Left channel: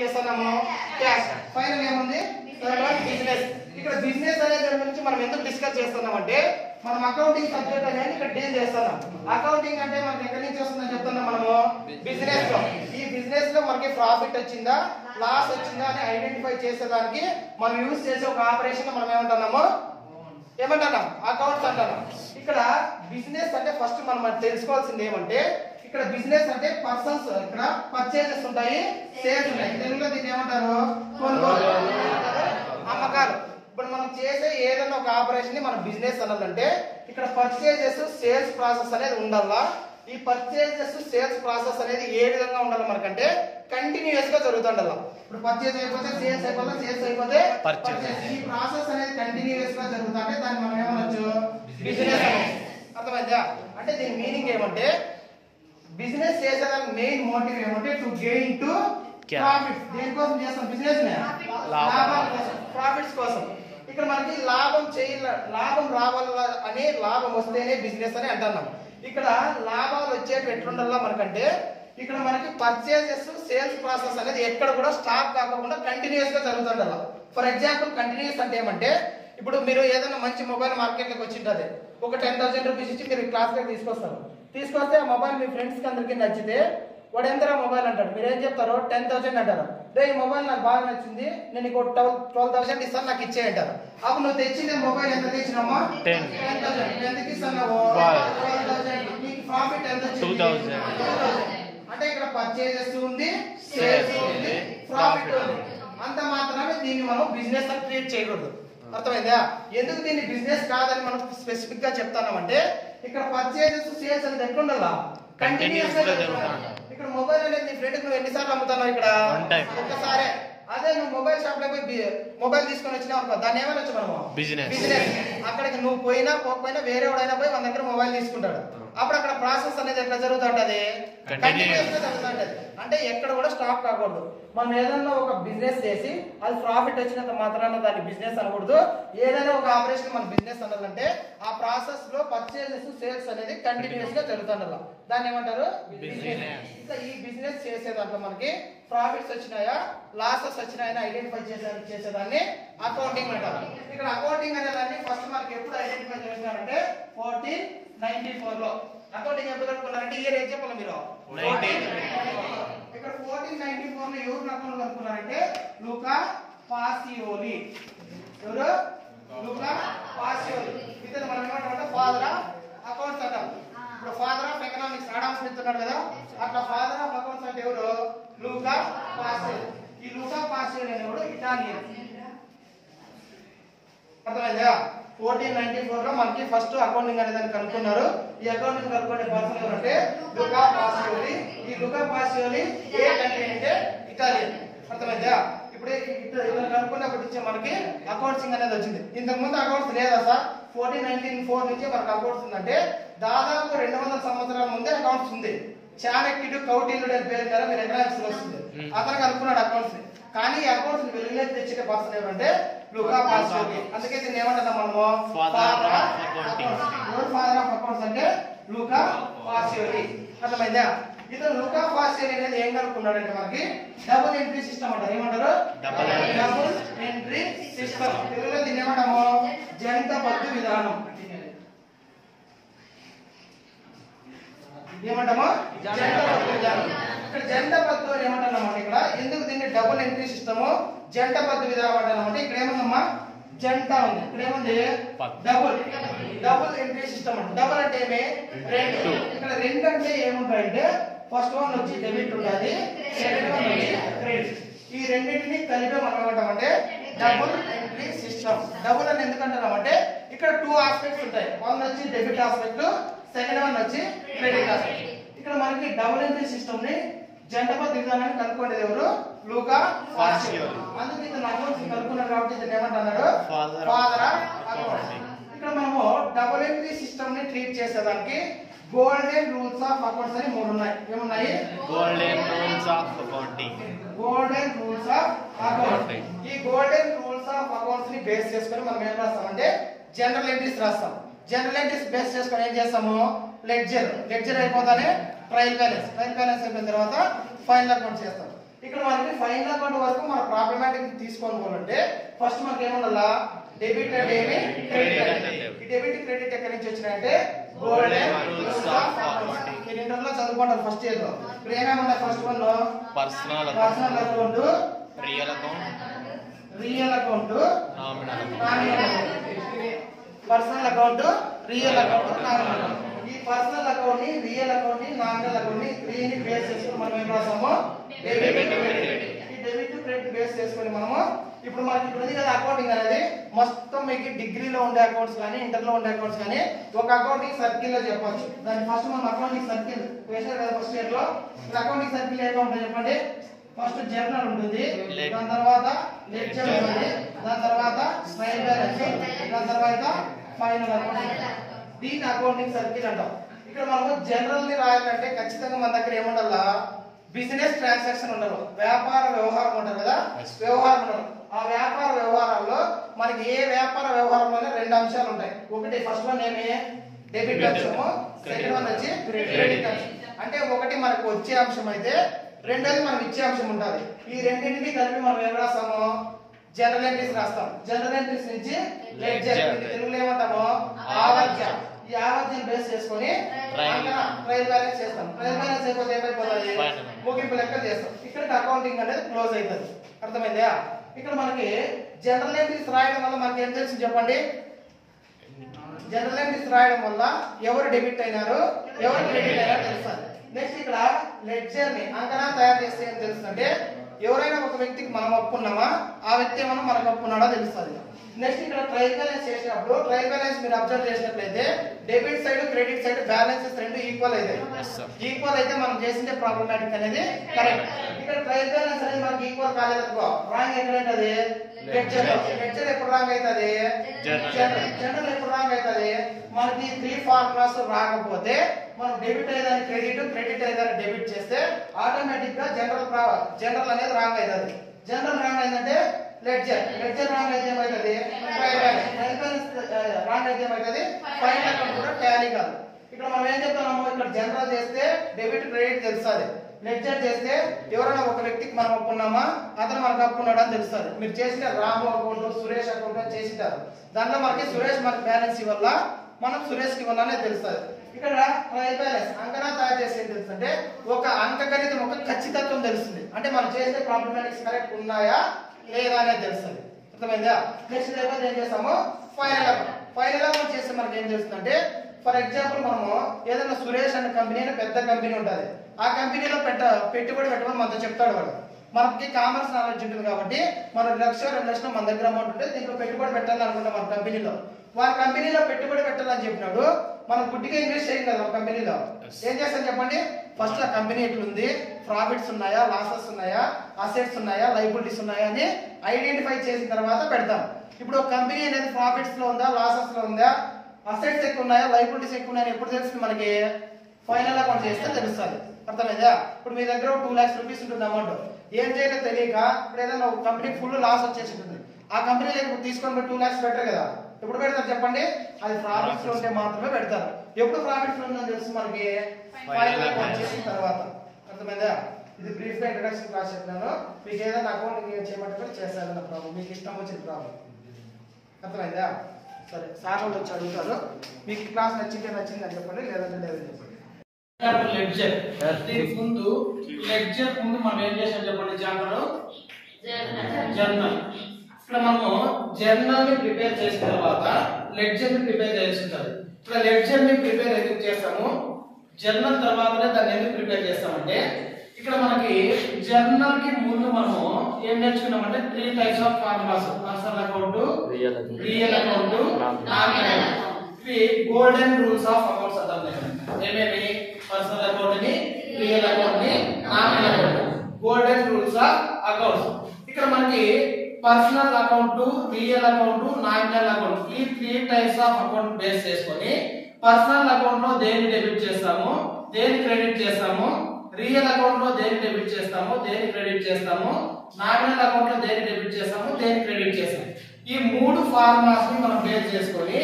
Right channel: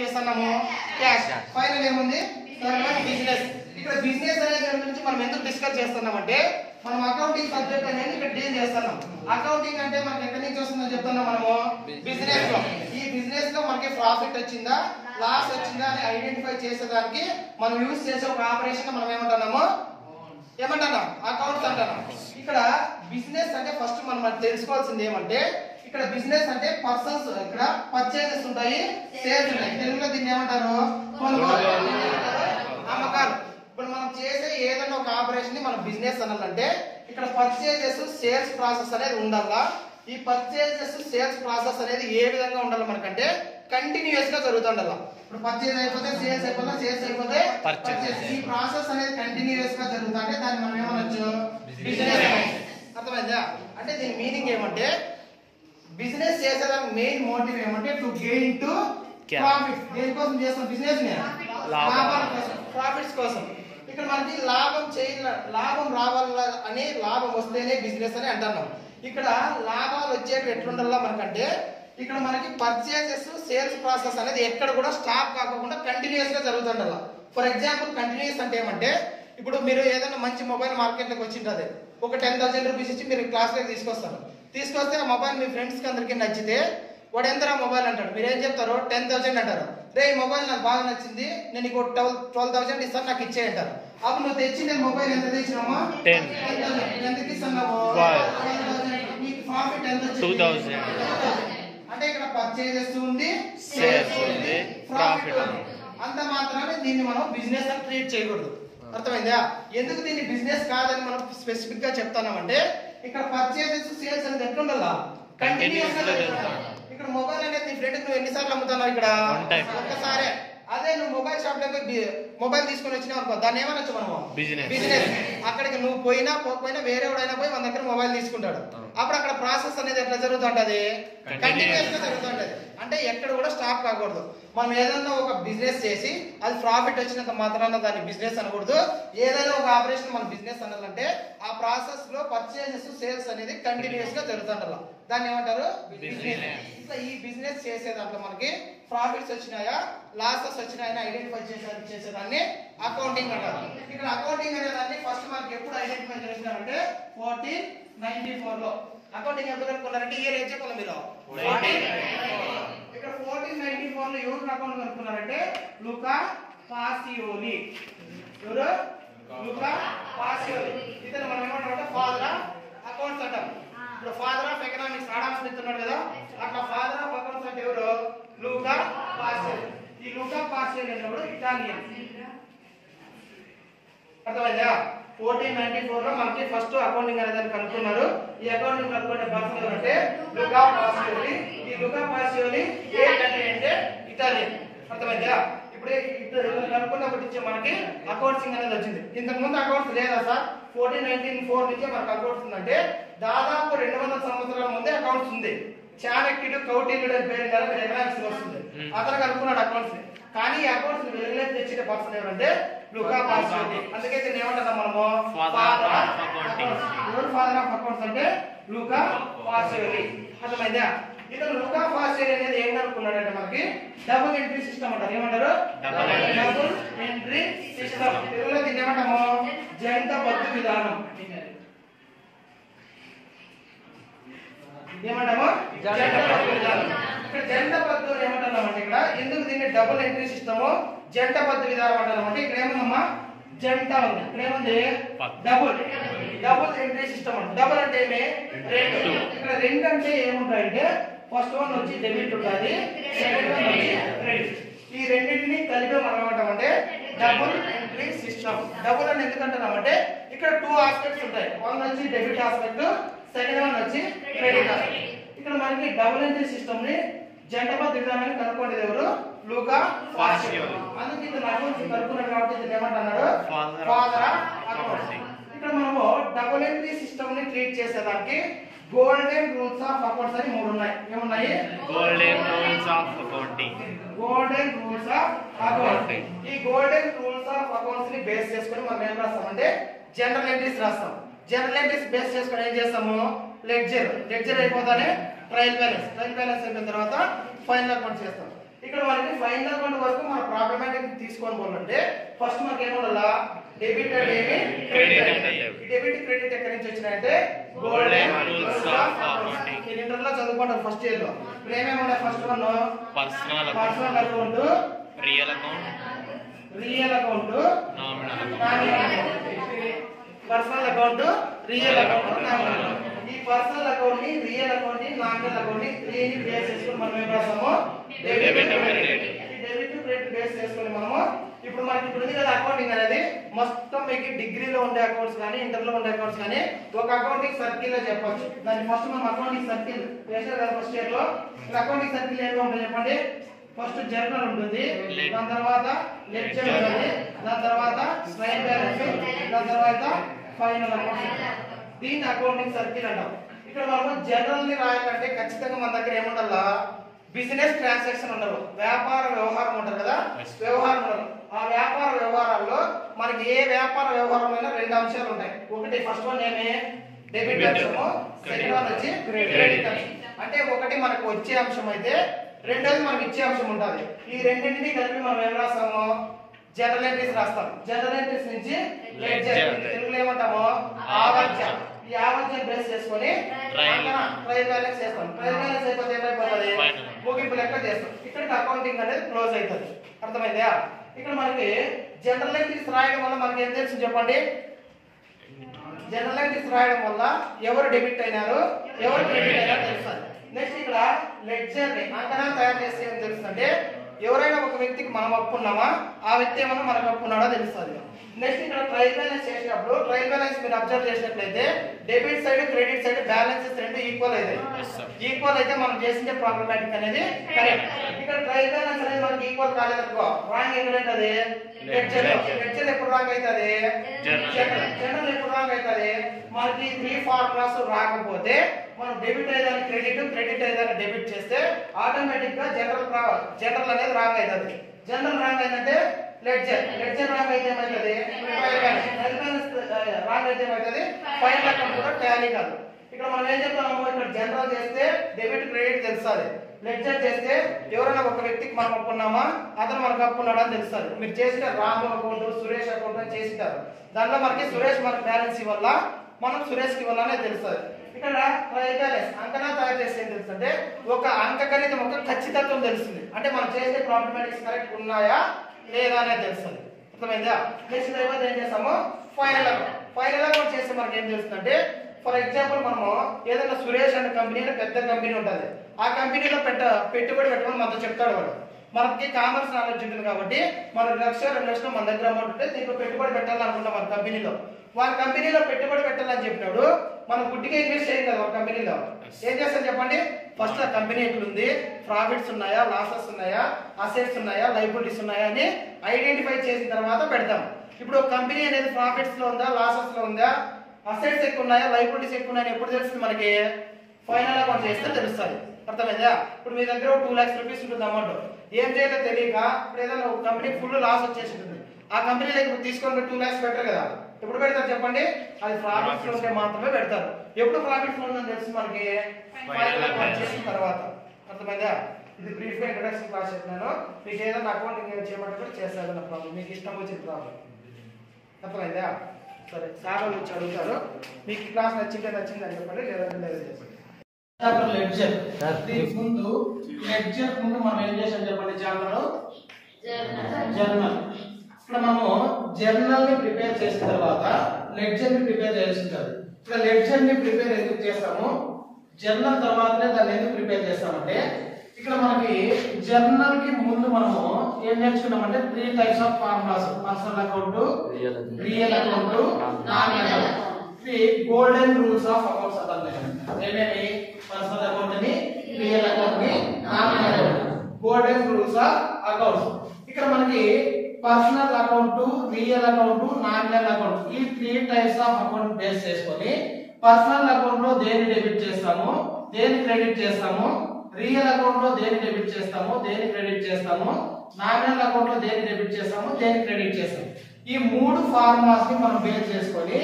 చేస్తున్నాము cash. Final ఏముంది business. ఇక్కడ బిజినెస్ అనే దాని గురించి మనం ఎందుకు డిస్కస్ చేస్తున్నామంటే మనం అకౌంటింగ్ సబ్జెక్ట్ అనేది ఇక్కడ డీల్ చేస్తున్నాం. అకౌంటింగ్ అంటే మనకి ఎక్కడి నుంచి వస్తుందని చెప్తున్నాం మనము బిజినెస్ లో. ఈ బిజినెస్ లో మనకి ప్రాఫిట్ వచ్చిందా లాస్ వచ్చిందా అని ఐడెంటిఫై చేసేదానికి మనం యూజ్ చేసే ఒక ఆపరేషన్ మనం ఏమంటున్నాము అకౌంట్స్ అంటున్నాం. ఇక్కడ బిజినెస్ అంటే ఫస్ట్ మనం తెలుసుకోవాల్సింది ఏమంటే ఇక్కడ బిజినెస్ అంటే పర్సన్స్, ఇక్కడ పర్చేజెస్ ఉంటాయి, సేల్స్ ఉంటాయి. తెలుగులో దీన్ని ఏమంటారు అమ్మకాలు. ఇప్పుడు మనం చేసే ఏదైనా ఒక ఆపరేషన్ ని మనం బిజినెస్ అనాలంటే ఇక్కడ పర్చేజెస్ సేల్స్ ప్రాసెస్ అనేది ఉండాలా. ఈ పర్చేజెస్ సేల్స్ ప్రాసెస్ అనేది ఏ విధంగా ఉండాలి మనకంటే కంటిన్యూస్ గా జరుగుతుండాలి. ఇప్పుడు పర్చేజ్ అయిపోతే సేల్స్ అయిపోతే, సేల్స్ అయిపోతే పర్చేజ్. ఈ ప్రాసెస్ అనేది కంటిన్యూస్ గా జరుగుతుంటే దాన్ని మనం ఏమనొచ్చు బిజినెస్. అర్థమైందా? అంటే దీని మీనింగ్ ఏమంటే బిజినెస్ చేసేదానికి మెయిన్ మోటివ్ ఏమంటే టు గెయిన్ టు ప్రాఫిట్. దేనికోసం చేస్తాం బిజినెస్ ని? లాభాల కోసం, ప్రాఫిట్స్ కోసం. ఇక్కడ మనకి లాభం రావాల అని లాభం వస్తేనే బిజినెస్ అని అంటున్నాం. ఇక్కడ లాభాలు వచ్చేటి ఎట్లుండాలా మనకంటే ఇక్కడ మనకి పర్చేజెస్ సేల్స్ ప్రాసెస్ అనేది ఎక్కడ కూడా స్టాప్ కాకుండా కంటిన్యూస్ గా జరుగుతుండాలి. ఫర్ ఎగ్జాంపుల్ కంటిన్యూస్ అంటే ఏమంటే ఇప్పుడు మీరు ఏదైనా మంచి మొబైల్ మార్కెట్ లోకి వచ్చింటది, ఒక 10,000 రూపీస్ ఇచ్చి మీరు క్లాస్ లోకి తీసుకొస్తే ఆ మొబైల్ మీ ఫ్రెండ్స్ కి అందరికి నచ్చితే వాడు ఎంతరా మొబైల్ అంటాడు, మీరు ఏం చెప్తారు 10,000 అంటారు. రే ఈ మొబైల్ నాకు బాగా నచ్చింది, నేను నీకు 12,000 ఇస్తాను, నాకు ఇచ్చే అంటారు. అప్పుడు నువ్వు తెచ్చింది మొబైల్ ఎంత తెచ్చినామా 10,000. ఎందుకు ఇస్తున్నావు 12,000. నీకు ప్రాఫిట్ ఎంత 2,000. అంటే ఇక్కడ పర్చేజెస్ ఉంది, సేల్స్ ఉంది, ప్రాఫిట్ ఉంది. అంత మాత్రమే దీన్ని మనం బిజినెస్ అని ట్రీట్ చేయకూడదు. అర్థమైందా? ఎందుకు దీన్ని బిజినెస్ కాదని మనం స్పెసిఫిక్ గా చెప్తున్నామంటే ఇక్కడ పర్చేజెస్ సేల్స్ అనేది ఎట్లుండాలా కంటిన్యూస్ గా. ఇక్కడ మొబైల్ అనేది నీ ఫ్రెండ్ నువ్వు ఎన్నిసార్లు అమ్ముతున్నావు? ఇక్కడ ఒక్కసారే. అదే నువ్వు మొబైల్ షాప్ లో మొబైల్ తీసుకొని వచ్చినావు అనుకో, దాన్ని ఏమనొచ్చు మనము బిజినెస్. అక్కడికి నువ్వు పోకపోయినా వేరే వాడైనా పోయి మన దగ్గర మొబైల్ తీసుకుంటాడు. అప్పుడు అక్కడ ప్రాసెస్ అనేది ఎట్లా జరుగుతుంటది కంటిన్యూస్ గా జరుగుతుంటది. అంటే ఎక్కడ కూడా స్టాప్ కాకూడదు. మనం ఏదన్నా ఒక బిజినెస్ చేసి అది ప్రాఫిట్ వచ్చినంత మాత్రాన దాన్ని బిజినెస్ అనకూడదు. ఏదైనా ఒక ఆపరేషన్ మన బిజినెస్ అనాలంటే ఆ ప్రాసెస్ లో పర్చేజెస్ సేల్స్ అనేది కంటిన్యూస్ గా జరుగుతుండాల. దాన్ని ఏమంటారు బిజినెస్. ఇట్లా ఈ బిజినెస్ చేసే దాంట్లో మనకి ప్రాఫిట్స్ వచ్చినాయా లాసెస్ వచ్చినాయా ఐడెంటిఫై చేసేదాన్ని అకౌంటింగ్ అంటారు. ఇక్కడ అకౌంటింగ్ అనే దాన్ని ఫస్ట్ మనకి ఎప్పుడు ఐడెంటిఫై చేసినారంటే 1494 లో. అకౌంటింగ్ ఎప్పుడు కనుక్కున్నారంటే ఇయర్ ఏం చెప్పాలి మీరు 1494. ఇక్కడ 1494 లో ఎవరు అకౌంట్ కనుక్కున్నారంటే లూకా పాసియోలి. ఎవరు? లూకా పాసియోలి. ఇతను మనం ఏమంటామంటే ఫాదర్ ఆఫ్ అకౌంట్స్ అంటాం. ఇప్పుడు ఫాదర్ ఆఫ్ ఎకనామిక్స్ ఆడామ్ స్మిత్ ఉన్నాడు కదా, అట్లా ఫాదర్ ఆఫ్ అకౌంట్స్ అంటే ఎవరు లూకా పాసియోలి. ఈ లూకా పాసియోలి అనేవాడు ఇటాలియన్. అర్థమైందా? 1494 లో మనకి ఫస్ట్ అకౌంటింగ్ అనేది కనుక్కున్నారు. ఈ అకౌంటింగ్ కనుక్కునే పర్సన్ ఎవరంటే లూకా పాసియోలి. ఈ లూకా పాసియోలి ఏ కంట్రీ అంటే ఇటాలియన్. అర్థమైందా? ఇప్పుడు కనుక్కున్నప్పటి నుంచి మనకి అకౌంట్సింగ్ అనేది వచ్చింది. ఇంతకు ముందు అకౌంట్స్ లేదా సార్? 1494 నుంచే మనకు అకౌంట్స్ ఉందంటే దాదాపు 200 సంవత్సరాల ముందే అకౌంట్స్ ఉంది. చాణక్యుడు కౌటిల్యుడు అని పేరు కదా మీరు ఎకనామిక్స్ వస్తుంది. అతను కనుక్కున్నాడు అకౌంట్స్ ని. కానీ ఈ అకౌంట్స్ ని వెలుగులోకి తెచ్చే పర్సన్ ఎవరంటే లూకా పాసియోలి. అందుకే దీన్ని ఏమంటున్నాం మనము ఫాదర్ ఆఫ్ అకౌంట్స్. ఎవరు ఫాదర్ ఆఫ్ అకౌంట్స్ అంటే లూకా పాసియోలి. అర్థమైందా? ఇతను లూకా పాసియోలి అనేది ఏం కనుక్కున్నాడంటే మనకి డబుల్ ఎంట్రీ సిస్టమ్ అంటారు. ఏమంటారు? Double entry system. తెలుగులో దీన్ని ఏమంటాము జంట పద్దు విధానం. ఏమంటాము జంట పద్దు విధానం. ఇక్కడ జంట పద్దు అని ఏమంటున్నామంటే ఇక్కడ ఎందుకు దీన్ని డబుల్ ఎంట్రీ సిస్టమ్ జంట పద్దు విధానం అంటామంటే ఇక్కడ ఏముందమ్మా జంట ఉంది, ఇక్కడ ఏముంది డబుల్ ఎంట్రీ సిస్టమ్ అంటే డబుల్ అంటే ఏమి రెండు. ఇక్కడ రెండు అంటే ఏముంటాయంటే ఫస్ట్ వన్ వచ్చి డెబిట్ ఉంటుంది, సెకండ్ వన్ వచ్చి క్రెడిట్. ఈ రెండింటిని కలిపి మనం ఏమంటామంటే డబుల్ ఎంట్రీ సిస్టమ్. డబుల్ అని ఎందుకంటున్నామంటే ఇక్కడ 2 ఆస్పెక్ట్స్ ఉంటాయి. వన్ వచ్చి డెబిట్ ఆస్పెక్ట్, సెకండ్ వన్ వచ్చి క్రెడిట్ ఆస్పెక్ట్. ఇక్కడ మనకి డబుల్ ఎంట్రీ సిస్టమ్ ని జంట పద్దు విధానాన్ని కనుక్కునేది ఎవరు లూకా పాసియోలి. అందుకే ఇతను అకౌంట్స్ కనుక్కున్నాడు కాబట్టి ఇతను ఏమంటున్నాడు ఫాదర్ ఆఫ్ అకౌంట్స్. ఇక్కడ మనము డబుల్ ఎంట్రీ సిస్టమ్ ని ట్రీట్ చేసేదానికి గోల్డెన్ రూల్స్ ఆఫ్ అకౌంట్స్ అని 3 ఉన్నాయి. ఏమున్నాయి? Golden rules of accounting. Golden rules of accounting. ఈ గోల్డెన్ రూల్స్ ఆఫ్ అకౌంట్స్ ని బేస్ చేసుకొని మనం ఏం రాస్తామంటే జనరల్ ఎంట్రీస్ రాస్తాం. జనరల్ ఎంట్రీస్ బేస్ చేసుకొని ఏం చేస్తాము లెడ్జర్ అయిపోతానే ట్రయల్ బ్యాలెన్స్ అయిపోయిన తర్వాత ఫైనల్ అకౌంట్ చేస్తాం. ఇక్కడ మనకి ఫైనల్ అకౌంట్ తీసుకొని పోవాలంటే ఫస్ట్ మనకి ఏముండాలా డెబిట్ అండ్ క్రెడిట్. ఈ డెబిట్ క్రెడిట్ ఎక్కడి నుంచి వచ్చినాయంటే గోల్డెన్ రూల్స్ ఆఫ్ అకౌంట్స్. ఇంటర్లో చదువుకుంటారు ఫస్ట్ ఇయర్ లో. ఇప్పుడు ఏమేమి ఉన్నాయి? First one personal account, real account, personal account, real account, nominal account. ఈ పర్సనల్ అకౌంట్ ని, రియల్ అకౌంట్ ని, నామినల్ అకౌంట్ ని త్రీని బేస్ చేసుకొని మనం ఏం రాసాము? డెబిట్ క్రెడిట్ బేస్ చేసుకొని మనము ఇప్పుడు మనకి ఇప్పుడు ఉంది కదా అకౌంటింగ్ అనేది మొత్తం మీకు డిగ్రీలో ఉండే అకౌంట్స్ కానీ ఇంటర్లో ఉండే అకౌంట్స్ కానీ ఒక అకౌంటింగ్ సర్కిల్ లో చెప్పొచ్చు. దాన్ని ఫస్ట్ మనం అకౌంటింగ్ సర్కిల్ చేశారు కదా ఫస్ట్ ఇయర్ లో. అకౌంటింగ్ సర్కిల్ ఏమో ఉంటుంది చెప్పండి. ఫస్ట్ జర్నల్ ఉంటుంది, దాని తర్వాత లెడ్జర్ ఉంటుంది, దాని తర్వాత ట్రయల్ బ్యాలెన్స్, దాని తర్వాత ఫైనల్ అకౌంట్. దీన్ని అకౌంటింగ్ సర్కిల్ అంటాం. ఇక్కడ మనము జనరల్ ని రాయాలంటే ఖచ్చితంగా మన దగ్గర ఏముండాలా? బిజినెస్ ట్రాన్సాక్షన్ ఉండరు, వ్యాపార వ్యవహారం ఉంటుంది కదా, వ్యవహారం ఉండరు. ఆ వ్యాపార వ్యవహారాల్లో మనకి ఏ వ్యాపార వ్యవహారంలో రెండు అంశాలు ఉంటాయి. ఒకటి ఫస్ట్ వన్ ఏమి? డెబిట్ అంశము, సెకండ్ వన్ వచ్చి క్రెడిట్ అంశం. అంటే ఒకటి మనకు వచ్చే అంశం అయితే రెండోది మనకి ఇచ్చే అంశం ఉంటుంది. ఈ రెండింటిని కలిపి మనం ఏం రాస్తాము? జనరల్ ఎంట్రీస్ రాస్తాం. జనరల్ ఎంట్రీస్ నుంచి లెడ్జర్, తెలుగులో ఏమంటాము? ఆవర్జన. ఈ ఆవర్జన బేస్ చేసుకొని ట్రయల్ బ్యాలెన్స్ చేస్తాం. ట్రయల్ బ్యాలెన్స్ అయిపోతే ఏమైపోతుంది? ముగింపు లెక్క చేస్తాం. ఇక్కడ అకౌంటింగ్ అనేది క్లోజ్ అవుతుంది. అర్థమైందా? ఇక్కడ మనకి జనరల్ ఎంట్రీస్ రాయడం వల్ల మనకి ఏం తెలుసు చెప్పండి? జనరల్ ఎంట్రీస్ రాయడం వల్ల ఎవరు డెబిట్ అయినారు, ఎవరు క్రెడిట్ అయినారు తెలుస్తుంది. నెక్స్ట్ ఇక్కడ లెడ్జర్ ని అంకణా తయారు చేస్తే ఏం తెలుస్తుందంటే ఎవరైనా ఒక వ్యక్తికి మనం అప్పున్నామా, ఆ వ్యక్తి ఏమన్నా మనకు అప్పున్నాడో తెలుస్తుంది. నెక్స్ట్ ఇక్కడ ట్రయల్ బ్యాలెన్స్ చేసినప్పుడు ట్రయల్ బ్యాలెన్స్ మీరు అబ్జర్వ్ చేసినట్లయితే debit side credit side balances రెండు ఈక్వల్ అయితే మనం చేసిందే ప్రాబ్లమాటిక్ అనేది కరెక్ట్. ఇక్కడ ట్రయల్ బ్యాలెన్స్ అనేది మనకి ఈక్వల్ కాలేదనుకో రాంగ్ ఎక్కడైతుంది? లెడ్జర్ ఎప్పుడు రాంగ్ అవుతుంది? జనరల్ ఎప్పుడు రాంగ్ అవుతుంది? మనకి 3 ఫార్ములాస్ రాకపోతే మనం డెబిట్ అయ్యేదాన్ని క్రెడిట్ అయ్యేదాన్ని డెబిట్ చేస్తే ఆటోమేటిక్ గా జనరల్ అనేది రాంగ్ అవుతుంది. జనరల్ రాంగ్ అయిందంటే లెడ్జర్ రాంగ్ అయితే ఏమవుతుంది? ట్రయల్ బ్యాలెన్స్ రాంగ్ అయితే ఏమవుతుంది? ఫైనల్ అకౌంట్ కూడా టాలీ కాదు. ఇక్కడ మనం ఏం చెప్తున్నాము? ఇక్కడ జనరల్ చేస్తే డెబిట్ క్రెడిట్ తెలుస్తుంది. లెడ్జర్ చేస్తే ఎవరైనా ఒక వ్యక్తికి మనం అప్పున్నామా, అతను మనకు అప్పున్నాడు అని తెలుస్తుంది. మీరు చేసిన రాము అకౌంట్, సురేష్ అకౌంట్ అని చేసింటారు. దాంట్లో మనకి సురేష్ మనకు బ్యాలెన్స్ ఇవ్వాల, మనం సురేష్ కి ఇవ్వాలనే తెలుస్తుంది. ఇక్కడ ట్రయల్ బ్యాలెన్స్ అంకణా తయారు చేస్తే ఏం తెలుస్తుంటే ఒక అంకగణితం ఒక ఖచ్చితత్వం తెలుస్తుంది. అంటే మనం చేసే ప్రాబ్లమాటిక్స్ కరెక్ట్ ఉన్నాయా లేదా అనేది తెలుస్తుంది. అర్థమైందా? నెక్స్ట్ అయిపోతే ఏం చేస్తాము? ఫైనల్ అకౌంట్ చేస్తే మనకి ఏం తెలుస్తుందంటే ఫర్ ఎగ్జాంపుల్ మనము ఏదైనా సురేష్ అనే కంపెనీ పెద్ద కంపెనీ ఉంటుంది. ఆ కంపెనీలో పెట్టుబడి పెట్టమని మనతో చెప్తాడు వాడు. మనకి కామర్స్ నాలెడ్జ్ ఉంటుంది కాబట్టి మనం 1 లక్ష 2 లక్షలు మన దగ్గర అమౌంట్ ఉంటే దీంట్లో పెట్టుబడి పెట్టాలనుకుంటాం. మన కంపెనీలో వాళ్ళ కంపెనీలో పెట్టుబడి పెట్టాలని చెప్పినాడు. మనం గుడ్డిగా ఇన్వెస్ట్ చేయం కదా ఒక కంపెనీలో. ఏం చేస్తాం చెప్పండి? ఫస్ట్ ఆ కంపెనీ ఎట్లుంది, ప్రాఫిట్స్ ఉన్నాయా, లాసెస్ ఉన్నాయా, అసెట్స్ ఉన్నాయా, లైబిలిటీస్ ఉన్నాయా అని ఐడెంటిఫై చేసిన తర్వాత పెడతాం. ఇప్పుడు ఒక కంపెనీ అనేది ప్రాఫిట్స్ లో ఉందా, లాసెస్ లో ఉందా, అసెట్స్ ఎక్కువ ఉన్నాయా, లైబిలిటీస్ ఎక్కువ ఉన్నాయని ఎప్పుడు తెలుస్తుంది? మనకి ఫైనల్ అకౌంట్ చేస్తే తెలుస్తుంది. అర్థమైందా? ఇప్పుడు మీ దగ్గర 2 lakhs రూపీస్ ఉంటుంది అమౌంట్. ఏం చేయాలో తెలియక ఇప్పుడు ఏదైనా ఒక కంపెనీ ఫుల్ లాస్ వచ్చేసి ఉంటుంది. ఆ కంపెనీలో తీసుకొని 2 lakhs పెట్టరు కదా. ఎప్పుడు పెడతారు చెప్పండి? అది ప్రాఫిట్స్ లో ఉంటే మాత్రమే పెడతారు. ఎప్పుడు ప్రాఫిట్స్ లో ఉందని తెలుసు మనకి? ఫైనల్ అకౌంట్ చేసిన తర్వాత. అర్థమైందా? ఇది బ్రీఫ్ గా ఇంట్రడక్షన్ క్లాస్ చెప్పాను. మీకు ఏదైనా అకౌంటింగ్ చేయమంటే కూడా చేస్తారన్న ప్రాబ్లం, మీకు ఇష్టం వచ్చిన ప్రాబ్లం. అర్థమైందా? సరే, సార్ వాళ్ళు వచ్చి అడుగుతారు. మీకు క్లాస్ నచ్చిందని చెప్పండి, లేదంటే లేదని చెప్పండి. లెడ్జర్ ముందు మనం ఏం చేసాం చెప్పండి? జర్నల్. ఇక్కడ మనము జర్నల్ ని ప్రిపేర్ చేసిన తర్వాత లెడ్జర్ ని ప్రిపేర్ చేస్తుంటారు. ఇక్కడ లెడ్జర్ ని ప్రిపేర్ ఎందుకు చేస్తాము? జర్నల్ తర్వాతనే దాన్ని ఎందుకు ప్రిపేర్ చేస్తామంటే ఇక్కడ మనకి జర్నల్ కి ముందు మనము ఏం నేర్చుకున్నామంటే 3 types of formulas: personal account, real account, nominal account. ఇవి గోల్డెన్ రూల్స్ ఆఫ్ అకౌంట్స్ అంటారు. ఏమేమి? పర్సనల్ అకౌంట్ ని, రియల్ అకౌంట్ ని, nominal account. Golden rules of accounts. ఇక్కడ మనకి personal account, real account, nominal account ఈ 3 types ఆఫ్ అకౌంట్ బేస్ చేసుకొని personal account లో దేని డెబిట్ చేస్తాము, దేని క్రెడిట్ చేస్తాము, రియల్ అకౌంట్ లో దేని డెబిట్ చేస్తాము, దేని క్రెడిట్ చేస్తాము, నామినల్ అకౌంట్ లో దేని డెబిట్ చేస్తాము, దేని క్రెడిట్ చేస్తాము. ఈ 3 ఫార్ములాస్ ని మనం బేస్ చేసుకొని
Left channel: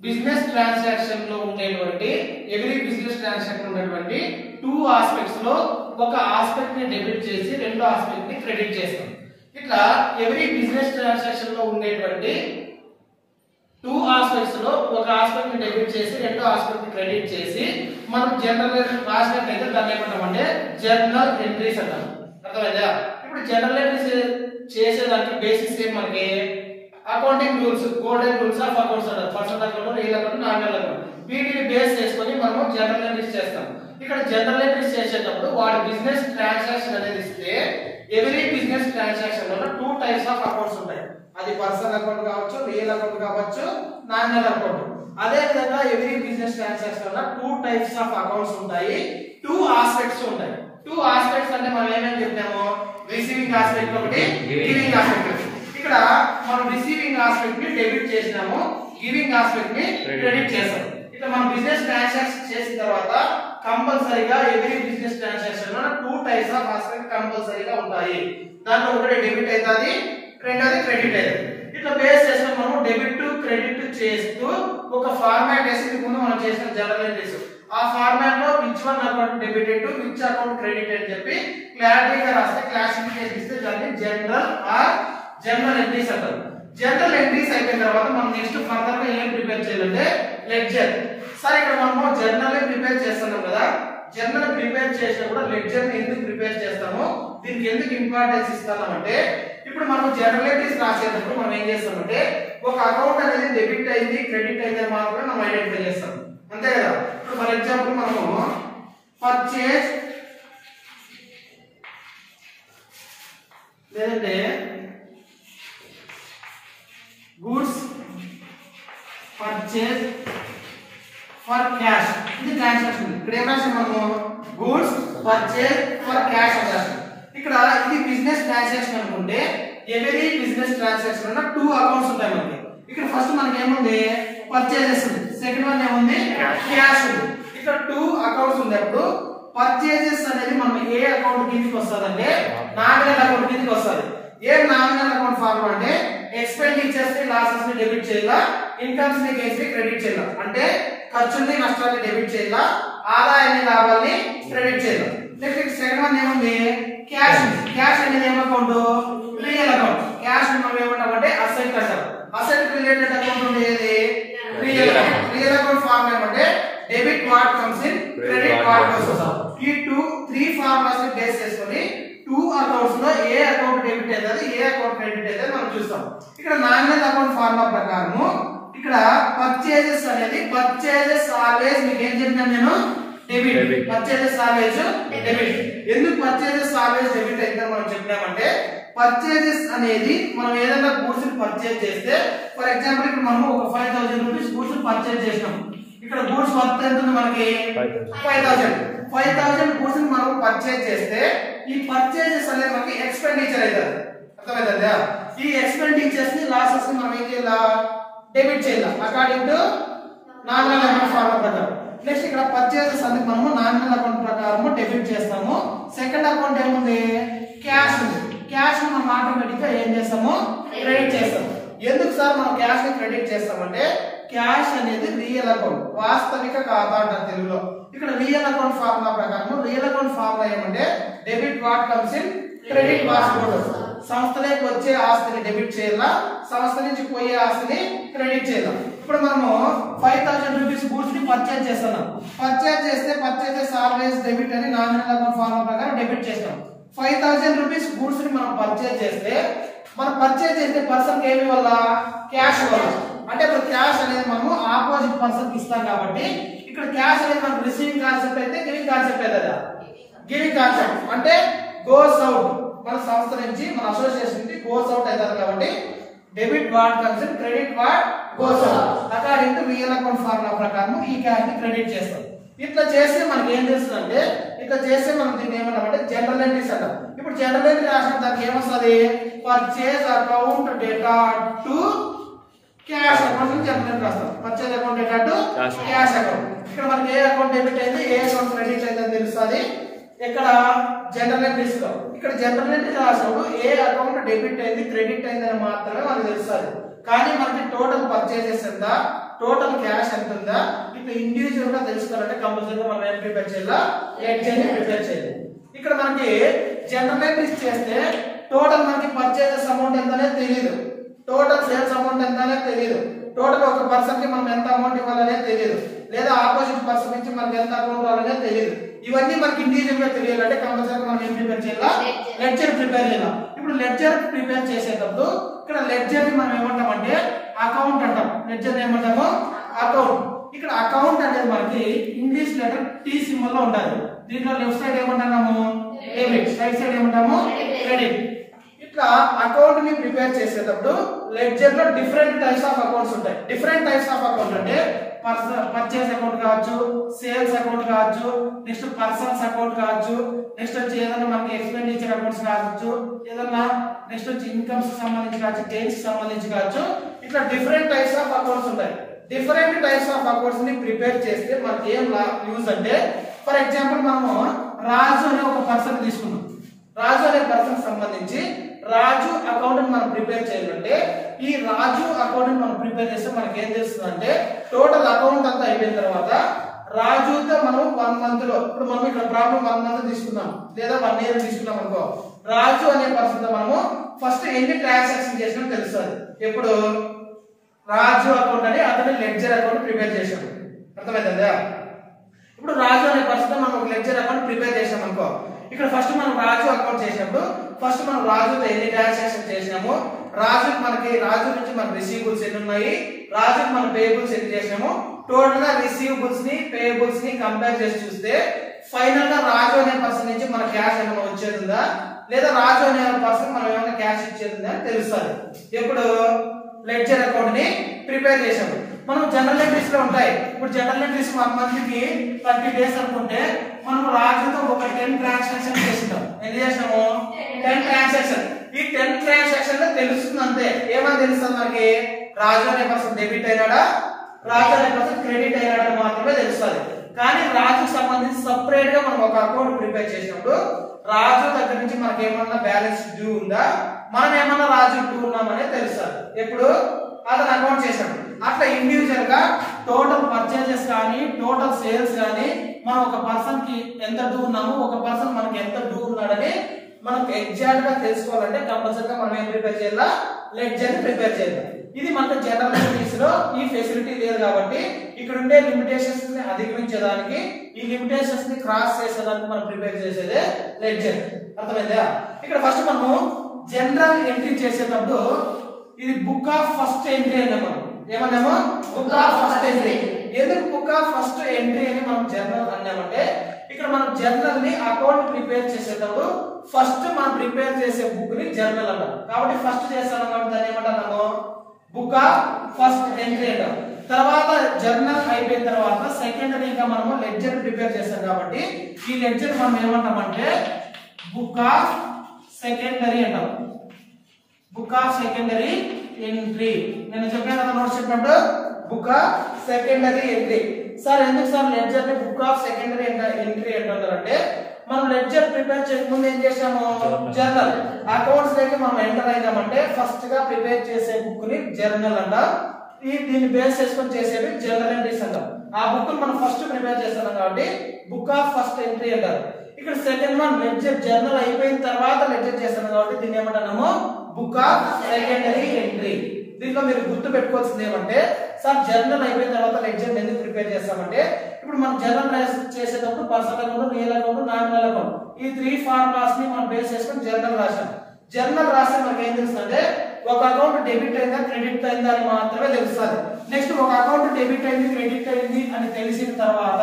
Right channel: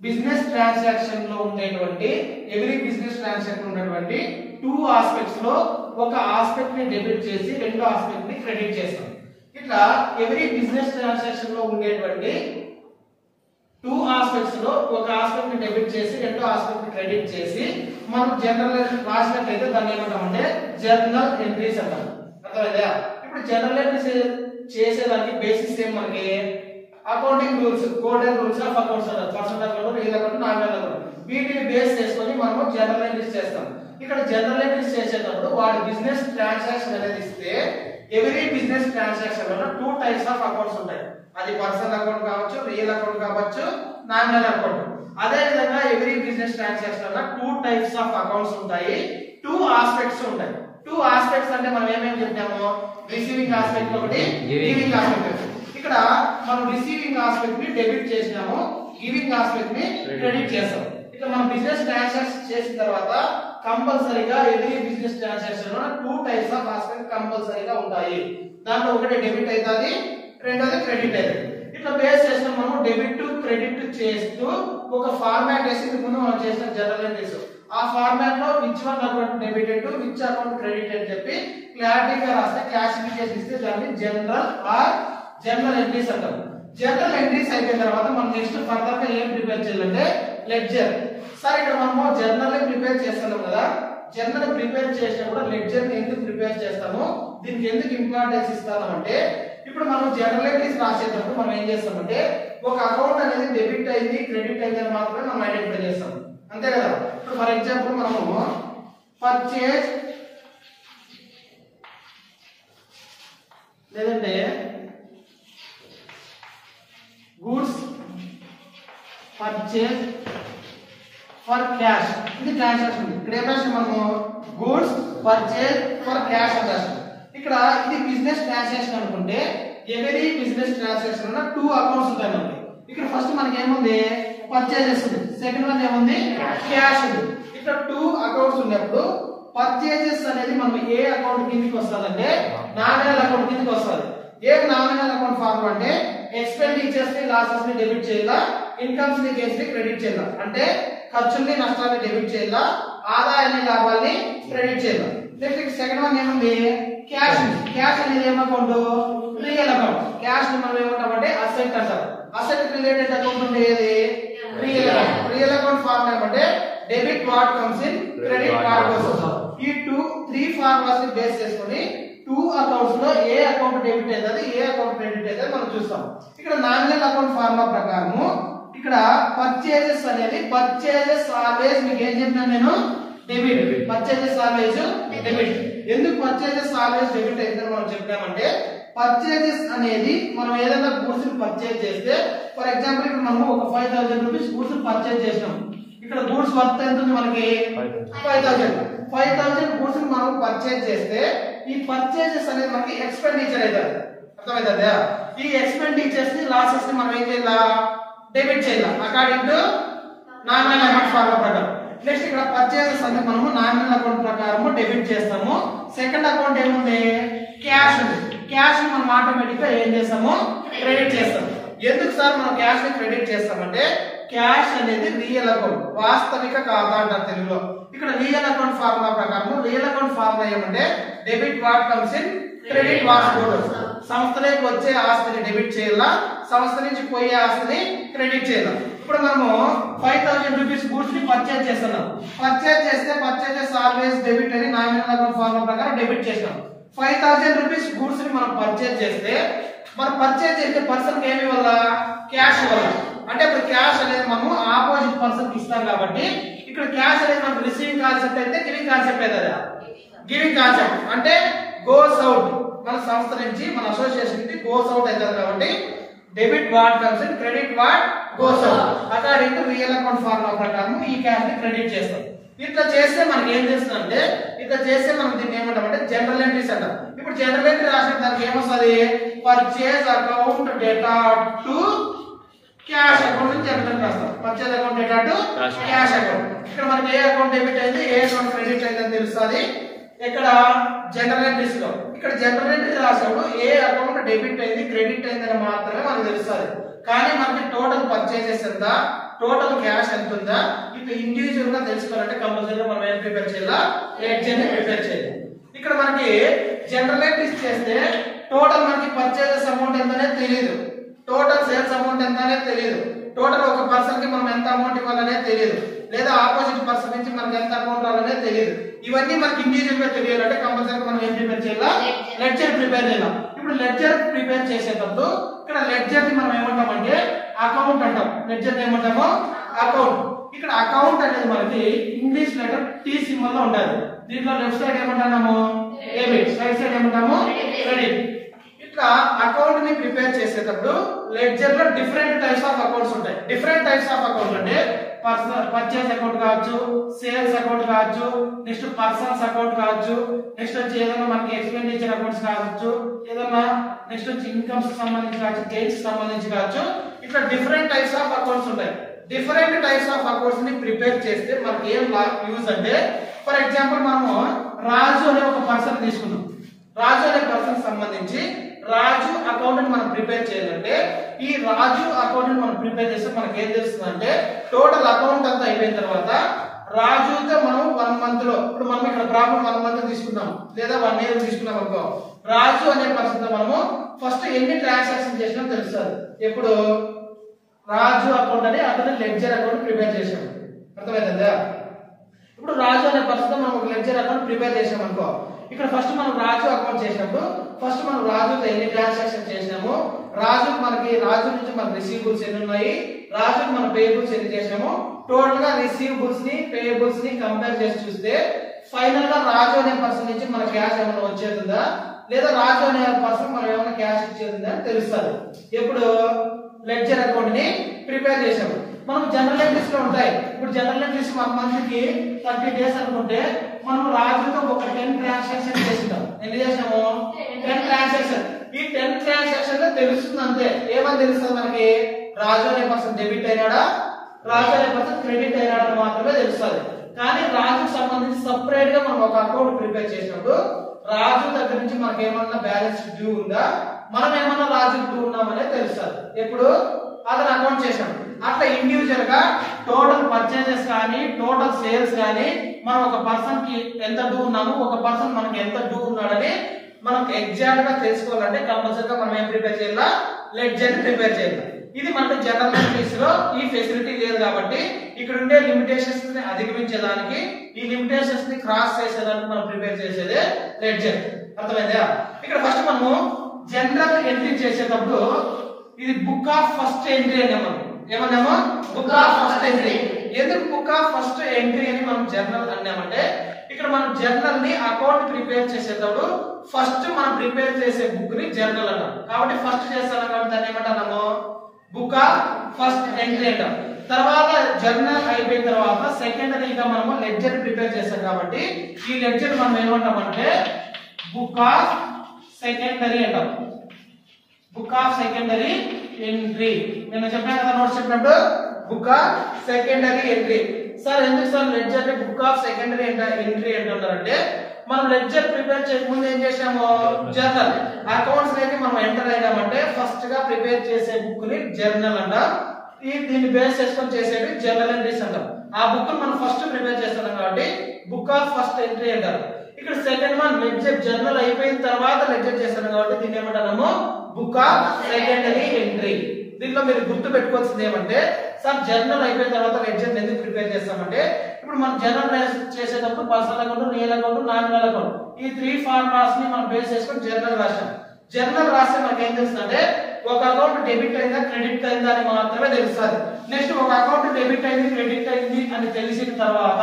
బిజినెస్ ట్రాన్సాక్షన్ లో ఉండేటువంటి ఎవ్రీ బిజినెస్ ట్రాన్సాక్షన్ ఉండేటువంటి 2 ఆస్పెక్ట్స్ లో ఒక ఆస్పెక్ట్ ని డెబిట్ చేసి రెండో ఆస్పెక్ట్ ని క్రెడిట్ చేస్తాం. ఇట్లా ఎవ్రీ బిజినెస్ ట్రాన్సాక్షన్ లో ఉండేటువంటి 2 ఆస్పెక్ట్స్ లో ఒక ఆస్పెక్ట్ ని డెబిట్ చేసి రెండో ఆస్పెక్ట్ ని క్రెడిట్ చేసి మనం జనరల్ రాసినట్లయితే దాన్ని ఏమంటామంటే జర్నల్ ఎంట్రీస్ అంటాం. అర్థమైందా? ఇప్పుడు జనరల్ ఎంట్రీస్ చేసేదానికి బేసిస్ ఏం మనకి accounting rules, golden rules of accounts అంటారు. Personal account, real account, nominal account. వీటిని బేస్ చేసుకొని మనం జనరల్ ఎంట్రీస్ చేస్తాం. ఇక్కడ జనరల్ ఎంట్రీస్ చేసేటప్పుడు వాడి బిజినెస్ ట్రాన్సాక్షన్ అనేది ఇస్తే ఎవ్రీ బిజినెస్ ట్రాన్సాక్షన్ లో 2 టైప్స్ ఆఫ్ అకౌంట్స్ ఉంటాయి. అది పర్సనల్ అకౌంట్ కావచ్చు, రియల్ అకౌంట్ కావచ్చు, నామినల్ అకౌంట్. అదే విధంగా ఎవ్రీ బిజినెస్ ట్రాన్సాక్షన్ లో 2 టైప్స్ ఆఫ్ అకౌంట్స్ ఉంటాయి, 2 ఆస్పెక్ట్స్ ఉంటాయి. 2 ఆస్పెక్ట్స్ అంటే మనం ఏమేమి చెప్పినాము, రిసీవింగ్ ఆస్పెక్ట్ ఒకటి, గివింగ్ ఆస్పెక్ట్. ఇక్కడ మనం రిసీవింగ్ ఆస్పెక్ట్ ని డెబిట్ చేసినాము, గివింగ్ ఆస్పెక్ట్ ని క్రెడిట్ చేస్తాం. ఇట్లా మనం బిజినెస్ ట్రాన్సాక్షన్ చేసిన తర్వాత కంపల్సరీగా ఎవ్రీ బిజినెస్ ట్రాన్సాక్షన్ లో 2 టైప్స్ ఆఫ్ ఆస్పెక్ట్ కంపల్సరీగా ఉంటాయి. దాంట్లో ఒకటి డెబిట్ అవుతుంది, రెండోది క్రెడిట్ అవుతుంది. ఇట్లా బేస్ చేసిన మనం డెబిట్ టు క్రెడిట్ చేస్తూ ఒక ఫార్మాట్ వేసి ముందు మనం చేసిన జనరల్ ఎంట్రీస్, ఆ ఫార్మాట్ లో which one account debited, which account credit అని చెప్పి క్లారిటీగా రాస్తే క్లాసిఫికేషన్ ఇస్తే దాన్ని జనరల్ ఎంట్రీస్ అంటారు. జనరల్ ఎంట్రీస్ అయిపోయిన తర్వాత మనం నెక్స్ట్ ఫర్దర్ గా ఏం ప్రిపేర్ చేయాలంటే లెడ్జర్. సరే ఇక్కడ మనము జర్నల్ ప్రిపేర్ చేస్తున్నాం కదా, జర్నల్ ప్రిపేర్ చేసినప్పుడు లెడ్జర్ ని ఎందుకు ప్రిపేర్ చేస్తాము, దీనికి ఎందుకు ఇంపార్టెన్స్ ఇస్తాము అంటే ఇప్పుడు మనం జనరల్ ఎంట్రీస్ రాసేటప్పుడు మనం ఏం చేస్తామంటే ఒక అకౌంట్ అనేది డెబిట్ అయింది, క్రెడిట్ అయింది మాత్రమే మనం ఐడెంటిఫై చేస్తాం, అంతే కదా. ఇప్పుడు ఫర్ ఎగ్జాంపుల్ మనము పర్చేజ్ లేదంటే గూడ్స్ పర్చేజ్ ఫర్ క్యాష్, ఇది ట్రాన్సాక్షన్. ఇక్కడ ఏం రాస్తాం మనము గూడ్స్ పర్చేజ్ ఫర్ క్యాష్ అని రాస్తాం. ఇక్కడ ఇది బిజినెస్ ట్రాన్సాక్షన్ అనుకుంటే ఎవరీ బిజినెస్ ట్రాన్సాక్షన్ లో 2 అకౌంట్స్ ఉంటాయి మనకి. ఇక్కడ ఫస్ట్ మనకి ఏముంది పర్చేజెస్ ఉంది, సెకండ్ వన్ ఏముంది క్యాష్ ఉంది. ఇక్కడ 2 అకౌంట్స్ ఉన్నప్పుడు పర్చేజెస్ అనేది మనం ఏ అకౌంట్ కిందకి వస్తుంది అంటే నామినల్ అకౌంట్ కిందకి వస్తుంది. ఏ నామినల్ అకౌంట్ ఫార్మ్ అంటే ఎక్స్పెండిచర్స్ ని లాసెస్ ని డెబిట్ చేయాలా, ఇన్కమ్స్ ని గెయిన్స్ ని క్రెడిట్ చేయాలా. అంటే ఖర్చుల్ని నష్టాన్ని డెబిట్ చేయాలా, ఆదాయాన్ని లాభాల్ని క్రెడిట్ చేయాలా. నెక్స్ట్ సెకండ్ వన్ ఏముంది క్యాష్. క్యాష్ అనేది ఏం అకౌంట్ రియల్ అకౌంట్. క్యాష్ మనం ఏమంటామంటే అసెట్ అంటాం. అసెట్ రిలేటెడ్ అకౌంట్ ఉండేది real account. Real account form ఏమంటే debit what comes in, credit what goes out. ఈ 3 ఫార్ములాస్ ని బేస్ చేసుకొని 2 అకౌంట్స్ లో ఏ అకౌంట్ డెబిట్ అవుతుంది, ఏ అకౌంట్ క్రెడిట్ అవుతుంది మనం చూస్తాం. ఇక్కడ నామినల్ అకౌంట్ ఫార్ములా ప్రకారము ఇక్కడ పర్చేజెస్ అనేది పర్చేజెస్ ఆల్వేస్ మీకు ఏం చెప్పినా నేను డెబిట్, పర్చేజెస్ ఆల్వేస్ డెబిట్. ఎందుకు పర్చేజెస్ ఆల్వేస్ డెబిట్ అయితే మనం చెప్పినామంటే పర్చేజెస్ అనేది మనం ఏదైనా గూడ్స్ ని పర్చేజ్ చేస్తే ఫర్ ఎగ్జాంపుల్ ఇక్కడ మనం ఒక 5000 రూపీస్ గూడ్స్ పర్చేజ్ చేసినాం. ఇక్కడ గూడ్స్ వర్త్ ఎంత ఉంది మనకి 5000 గూడ్స్ ని మనం పర్చేజ్ చేస్తే ఈ పర్చేజెస్ అనేది మనకి ఎక్స్పెండిచర్ అవుతుంది, అర్థమైందా. ఈ ఎక్స్పెండిచర్స్ ని లాసెస్ ని మనం ఏం చేయాలా డెబిట్ చేయాలి according to nominal account formula ప్రకారం. నెక్స్ట్ ఇక్కడ పర్చేజెస్ అనేది మనము నామినల్ అకౌంట్ ప్రకారము డెబిట్ చేస్తాము. సెకండ్ అకౌంట్ ఏముంది క్యాష్ ఉంది. క్యాష్ ని మనం ఆటోమేటిక్ గా ఏం చేస్తాము క్రెడిట్ చేస్తాము. ఎందుకు సార్ మనం క్యాష్ ని క్రెడిట్ చేస్తామంటే క్యాష్ అనేది రియల్ అకౌంట్, వాస్తవిక ఖాతా అంటారు తెలుగులో. ఇక్కడ రియల్ అకౌంట్ ఫార్ములా ప్రకారం రియల్ అకౌంట్ ఫార్ములా ఏమంటే debit what comes in, credit what goes out. సంస్థలోకి వచ్చే ఆస్తిని డెబిట్ చేయాలా, సంస్థ నుంచి పోయే ఆస్తిని క్రెడిట్ చేయాలా. ఇప్పుడు మనము 5000 రూపీస్ గూడ్స్ ని పర్చేజ్ చేస్తున్నాం. పర్చేజ్ చేస్తే పర్చేజెస్ ఆల్వేస్ డెబిట్ అని నామినల్ అకౌంట్ ఫార్ములా ప్రకారం డెబిట్ చేస్తాం. 5000 రూపీస్ గూడ్స్ ని మనం పర్చేజ్ చేస్తే మనం పర్చేజ్ చేసే పర్సన్ కి ఏమి వల్ల క్యాష్ వల్ల. అంటే ఇప్పుడు క్యాష్ అనేది మనము ఆపోజిట్ పర్సన్ కి ఇస్తాం కాబట్టి ఇక్కడ క్యాష్ అనేది మనకు రిసీవింగ్ కాన్సెప్ట్ అయితే గివింగ్ కాన్సెప్ట్ అవుతుంది. గివింగ్ కాన్సెప్ట్ అంటే గోస్ అవుట్, మన సంస్థ నుంచి మన అసోసియేషన్ నుంచి గోస్ అవుట్ అవుతుంది కాబట్టి debit what comes in, credit what goes out. According to real account formula ప్రకారం ఈ క్యాష్ ని క్రెడిట్ చేస్తాం. ఇట్లా చేస్తే మనకి ఏం చేస్తుందంటే ఇట్లా చేస్తే మనం దీన్ని ఏమంటామంటే జనరల్ ఎంట్రీస్ అంటాం. ఇప్పుడు జనరల్ ఎంట్రీ రాసిన దానికి ఏమొస్తుంది purchase account data to cash account నుంచి జనరల్ ఎంట్రీ రాస్తాం. Purchase account data to cash account. ఇక్కడ మనకి ఏ అకౌంట్ డెబిట్ అయింది, ఏ అకౌంట్ క్రెడిట్ అయింది అని తెలుస్తుంది ఇక్కడ జనరల్ ఎంట్రీస్ లో. ఇక్కడ జనరల్ ఎంట్రీ రాసినప్పుడు ఏ అకౌంట్ డెబిట్ అయింది, క్రెడిట్ అయింది అని మాత్రమే మనకు తెలుస్తుంది. కానీ మనకి టోటల్ పర్చేజెస్ ఎంత, టోటల్ క్యాష్ ఎంత ఉందా ఇట్లా ఇండివిజువల్ గా తెలుసుకోవాలంటే కంపల్సరీగా మనం ఏం ప్రిపేర్ చేయాలా లెడ్జర్ ని ప్రిపేర్ చేయాలి. ఇక్కడ మనకి జనరల్ ఎంట్రీస్ చేస్తే టోటల్ మనకి పర్చేజెస్ అమౌంట్ ఎంత అనేది తెలియదు, టోటల్ సేల్స్ అమౌంట్ ఎంత అనేది తెలియదు, టోటల్ ఒక పర్సన్ కి మనం ఎంత అమౌంట్ ఇవ్వాలనేది తెలియదు, లేదా ఆపోజిట్ పర్సన్ నుంచి మనకి ఎంత అమౌంట్ రావాలనేది తెలియదు. ఇవన్నీ మనకి ఇండివిజువల్ గా తెలియాలంటే కంపల్సరీగా మనం ఏం ప్రిపేర్ చేయాలా, లెడ్జర్ ప్రిపేర్ చేయాలి. ఇప్పుడు లెడ్జర్ ప్రిపేర్ చేసేటప్పుడు ఇక్కడ లెడ్జర్ ని మనం ఏమంటామంటే అకౌంట్ అంటాం, లెడ్జర్ ఏమంటాము అకౌంట్. ఇక్కడ అకౌంట్ అనేది మనకి ఇంగ్లీష్ లెటర్ టీ సింబల్ లో ఉండాలి. దీంట్లో లెఫ్ట్ సైడ్ ఏమంటాము డెబిట్, రైట్ సైడ్ ఏమంటాము క్రెడిట్. ఇట్లా అకౌంట్ ని ప్రిపేర్ చేసేటప్పుడు లెడ్జర్ లో డిఫరెంట్ టైప్స్ ఆఫ్ అకౌంట్స్ ఉంటాయి. డిఫరెంట్ టైప్స్ ఆఫ్ అకౌంట్ అంటే పర్చేస్ అకౌంట్ కావచ్చు, సేల్స్ అకౌంట్ కావచ్చు, నెక్స్ట్ పర్సనల్స్ అకౌంట్ కావచ్చు, నెక్స్ట్ వచ్చి ఏదైనా మనకి ఎక్స్పెండిచర్ అకౌంట్స్ కావచ్చు, ఏదైనా నెక్స్ట్ వచ్చి ఇన్కమ్స్ సంబంధించి కావచ్చు, గెయిన్స్ సంబంధించి కావచ్చు. ఇట్లా డిఫరెంట్ టైప్స్ ఆఫ్ అకౌంట్స్ ఉంటాయి. డిఫరెంట్ టైప్స్ ఆఫ్ అకౌంట్స్ ని ప్రిపేర్ చేస్తే మనకి ఏం యూజ్ అంటే, ఫర్ ఎగ్జాంపుల్ మనము రాజు అనే ఒక పర్సన్ తీసుకున్నాం. రాజు అనే పర్సన్ సంబంధించి రాజు అకౌంట్ మనం ప్రిపేర్ చేయాలంటే ఈ రాజు అకౌంట్ మనం ప్రిపేర్ చేస్తే మనకి ఏం తెలుస్తుంది అంటే టోటల్ అకౌంట్ అంతా అయిపోయిన తర్వాత రాజుతో మనం 1 మంత్ లో, ఇప్పుడు మనం ఇక్కడ ప్రాబ్లం 1 మంత్ తీసుకున్నాం లేదా 1 ఇయర్ తీసుకున్నాం అనుకో, రాజు అనే పర్సన్ తో మనము ఫస్ట్ ఎన్ని ట్రాన్సాక్షన్ చేసినా తెలుస్తుంది. ఎప్పుడు రాజు అకౌంట్ అని అతను లెడ్జర్ అకౌంట్ ప్రిపేర్ చేసాము, అర్థమైందా? ఇప్పుడు రాజు అనే పర్సన్ తో మనం ఒక లెడ్జర్ అకౌంట్ ప్రిపేర్ చేసాం అనుకో, ఇక్కడ ఫస్ట్ మనం రాజు అకౌంట్ చేసినప్పుడు ఫస్ట్ మనం రాజుతో ఎన్ని ట్రాన్సాక్షన్ చేసినాము, రాజు నుంచి మనకి రిసీవబుల్స్ ఎన్ని ఉన్నాయి, రాజుకి మనం పేయబుల్స్ ఎన్ని చేసినాము, టోటల్ గా రిసీవబుల్స్ ని పేయబుల్స్ ని కంపేర్ చేసి చూస్తే ఫైనల్ గా రాజు అనే పర్సన్ నుంచి మన క్యాష్ ఏమైనా వచ్చేది ఉందా, లేదా రాజు అనే పర్సన్ మనం ఏమైనా క్యాష్ ఇచ్చేది ఉందా తెలుస్తుంది. ఎప్పుడు లెడ్జర్ అకౌంట్ ని ప్రిపేర్ చేసాము. మనం జనరల్ ఎంట్రీస్ లో ఉంటాయి. ఇప్పుడు జనరల్ ఎంట్రీస్ 1 మంత్ కి 30 డేస్ అనుకుంటే మనం రాజుతో ఒక 10 ట్రాన్సాక్షన్ చేసినాం. ఎన్ని చేసినాము? 10 ట్రాన్సాక్షన్. ఈ 10 ట్రాన్సాక్షన్ లో తెలుస్తుంది అంతే. ఏమని తెలుస్తుంది మనకి? రాజు అనే పర్సన్ డెబిట్ అయినాడా, రాజు అనే పర్సన్ క్రెడిట్ అయినాడా మాత్రమే తెలుస్తుంది. కానీ రాజుకు సంబంధించి సపరేట్ గా మనం ఒక అకౌంట్ ప్రిపేర్ చేసినప్పుడు రాజు దగ్గర నుంచి మనకి ఏమన్నా బ్యాలెన్స్ డ్యూ ఉందా, మనం ఏమన్నా రాజు డ్యూ ఉన్నామనేది తెలుస్తుంది. ఎప్పుడు అతను అకౌంట్ చేశాడు. అట్లా ఇండివిజువల్ గా టోటల్ పర్చేజెస్ కానీ టోటల్ సేల్స్ కానీ మనం ఒక పర్సన్ కి ఎంత డ్యూ ఉన్నాము, ఒక పర్సన్ మనకి ఎంత డ్యూ ఉన్నాడని మనకు ఎగ్జాక్ట్ గా తెలుసుకోవాలంటే కంపల్సరీగా మనం ఏం ప్రిపేర్ చేయాలా, లెడ్జర్ ని ప్రిపేర్ చేయాలి. ఇది మనకు జనరల్ ఎంట్రీస్ లో ఈ ఫెసిలిటీ లేదు కాబట్టి ఇక్కడ ఉండే లిమిటేషన్స్ ని అధిగమించేదానికి, ఈ లిమిటేషన్స్ ని క్రాస్ చేసేదానికి మనం ప్రిపేర్ చేసేదే లెడ్జర్. అర్థమైందా? ఇక్కడ ఫస్ట్ మనము జనరల్ ఎంట్రీ చేసేటప్పుడు ఇది బుక్ ఆఫ్ ఫస్ట్ ఎంట్రీ అని మనం ఏమన్నాము, బుక్ ఆఫ్ ఫస్ట్ ఎంట్రీ. ఎందుకు బుక్ ఆఫ్ ఫస్ట్ ఎంట్రీ అని మనం జర్నల్ అన్నామంటే ఇక్కడ మనం జర్నల్ ని అకౌంట్ ప్రిపేర్ చేసేటప్పుడు ఫస్ట్ మనం ప్రిపేర్ చేసే బుక్ ని జర్నల్ అన్నాం. కాబట్టి ఫస్ట్ చేస్తాం కాబట్టి దాన్ని ఏమంటాము, బుక్ ఆఫ్ ఫస్ట్ ఎంట్రీ అంటాం. తర్వాత జర్నల్ అయిపోయిన తర్వాత సెకండరీగా మనము లెడ్జర్ ప్రిపేర్ చేస్తాం కాబట్టి ఈ లెడ్జర్ మనం ఏమంటామంటే బుక్ ఆఫ్ సెకండరీ అంటాం. Book of secondary entry. నేను చెప్పాను కదా నోట్స్ చెప్పినప్పుడు book of secondary entry. Sir ఎందుకు సార్ లెడ్జర్ ని బుక్ ఆఫ్ సెకండరీ ఎంట్రీ అంటారంటే మనం లెడ్జర్ ప్రిపేర్ చేయక ముందు ఏం చేసాము, జర్నల్ అకౌంట్స్ లోకి మనం ఎంటర్ అయినామంటే ఫస్ట్ గా ప్రిపేర్ చేసే బుక్ ని జర్నల్ అంటాం. దీన్ని బేస్ చేసుకొని చేసేది జర్నల్ ఎంట్రీస్ అంటాం. ఆ బుక్ మనం ఫస్ట్ ప్రిపేర్ చేస్తున్నాం కాబట్టి బుక్ ఆఫ్ ఫస్ట్ ఎంట్రీ అంటారు. ఇక్కడ సెకండ్ వన్ లెడ్జర్ జర్నల్ అయిపోయిన తర్వాత లెడ్జర్ చేస్తున్నాం కాబట్టి దీన్ని ఏమంటాము, బుక్ ఆఫ్ సెకండరీ ఎంట్రీ. దీంట్లో మీరు గుర్తు పెట్టుకోవాల్సింది ఏమంటే సార్ జర్నల్ అయిపోయిన తర్వాత లెడ్జర్ ఎందుకు ప్రిపేర్ చేస్తామంటే ఇప్పుడు మనం జర్నల్ చేసేటప్పుడు personal account, real account, nominal account ఈ 3 ఫార్ములాస్ ని మనం బేస్ చేసుకొని జర్నల్ రాసాం. జర్నల్ రాస్తే మనకి ఏం తెలుస్తుందంటే ఒక అకౌంట్ డెబిట్ అయిందా క్రెడిట్ అయిందా అని మాత్రమే తెలుస్తుంది. నెక్స్ట్ ఒక అకౌంట్ డెబిట్ అయింది క్రెడిట్ అయింది అని తెలిసిన తర్వాత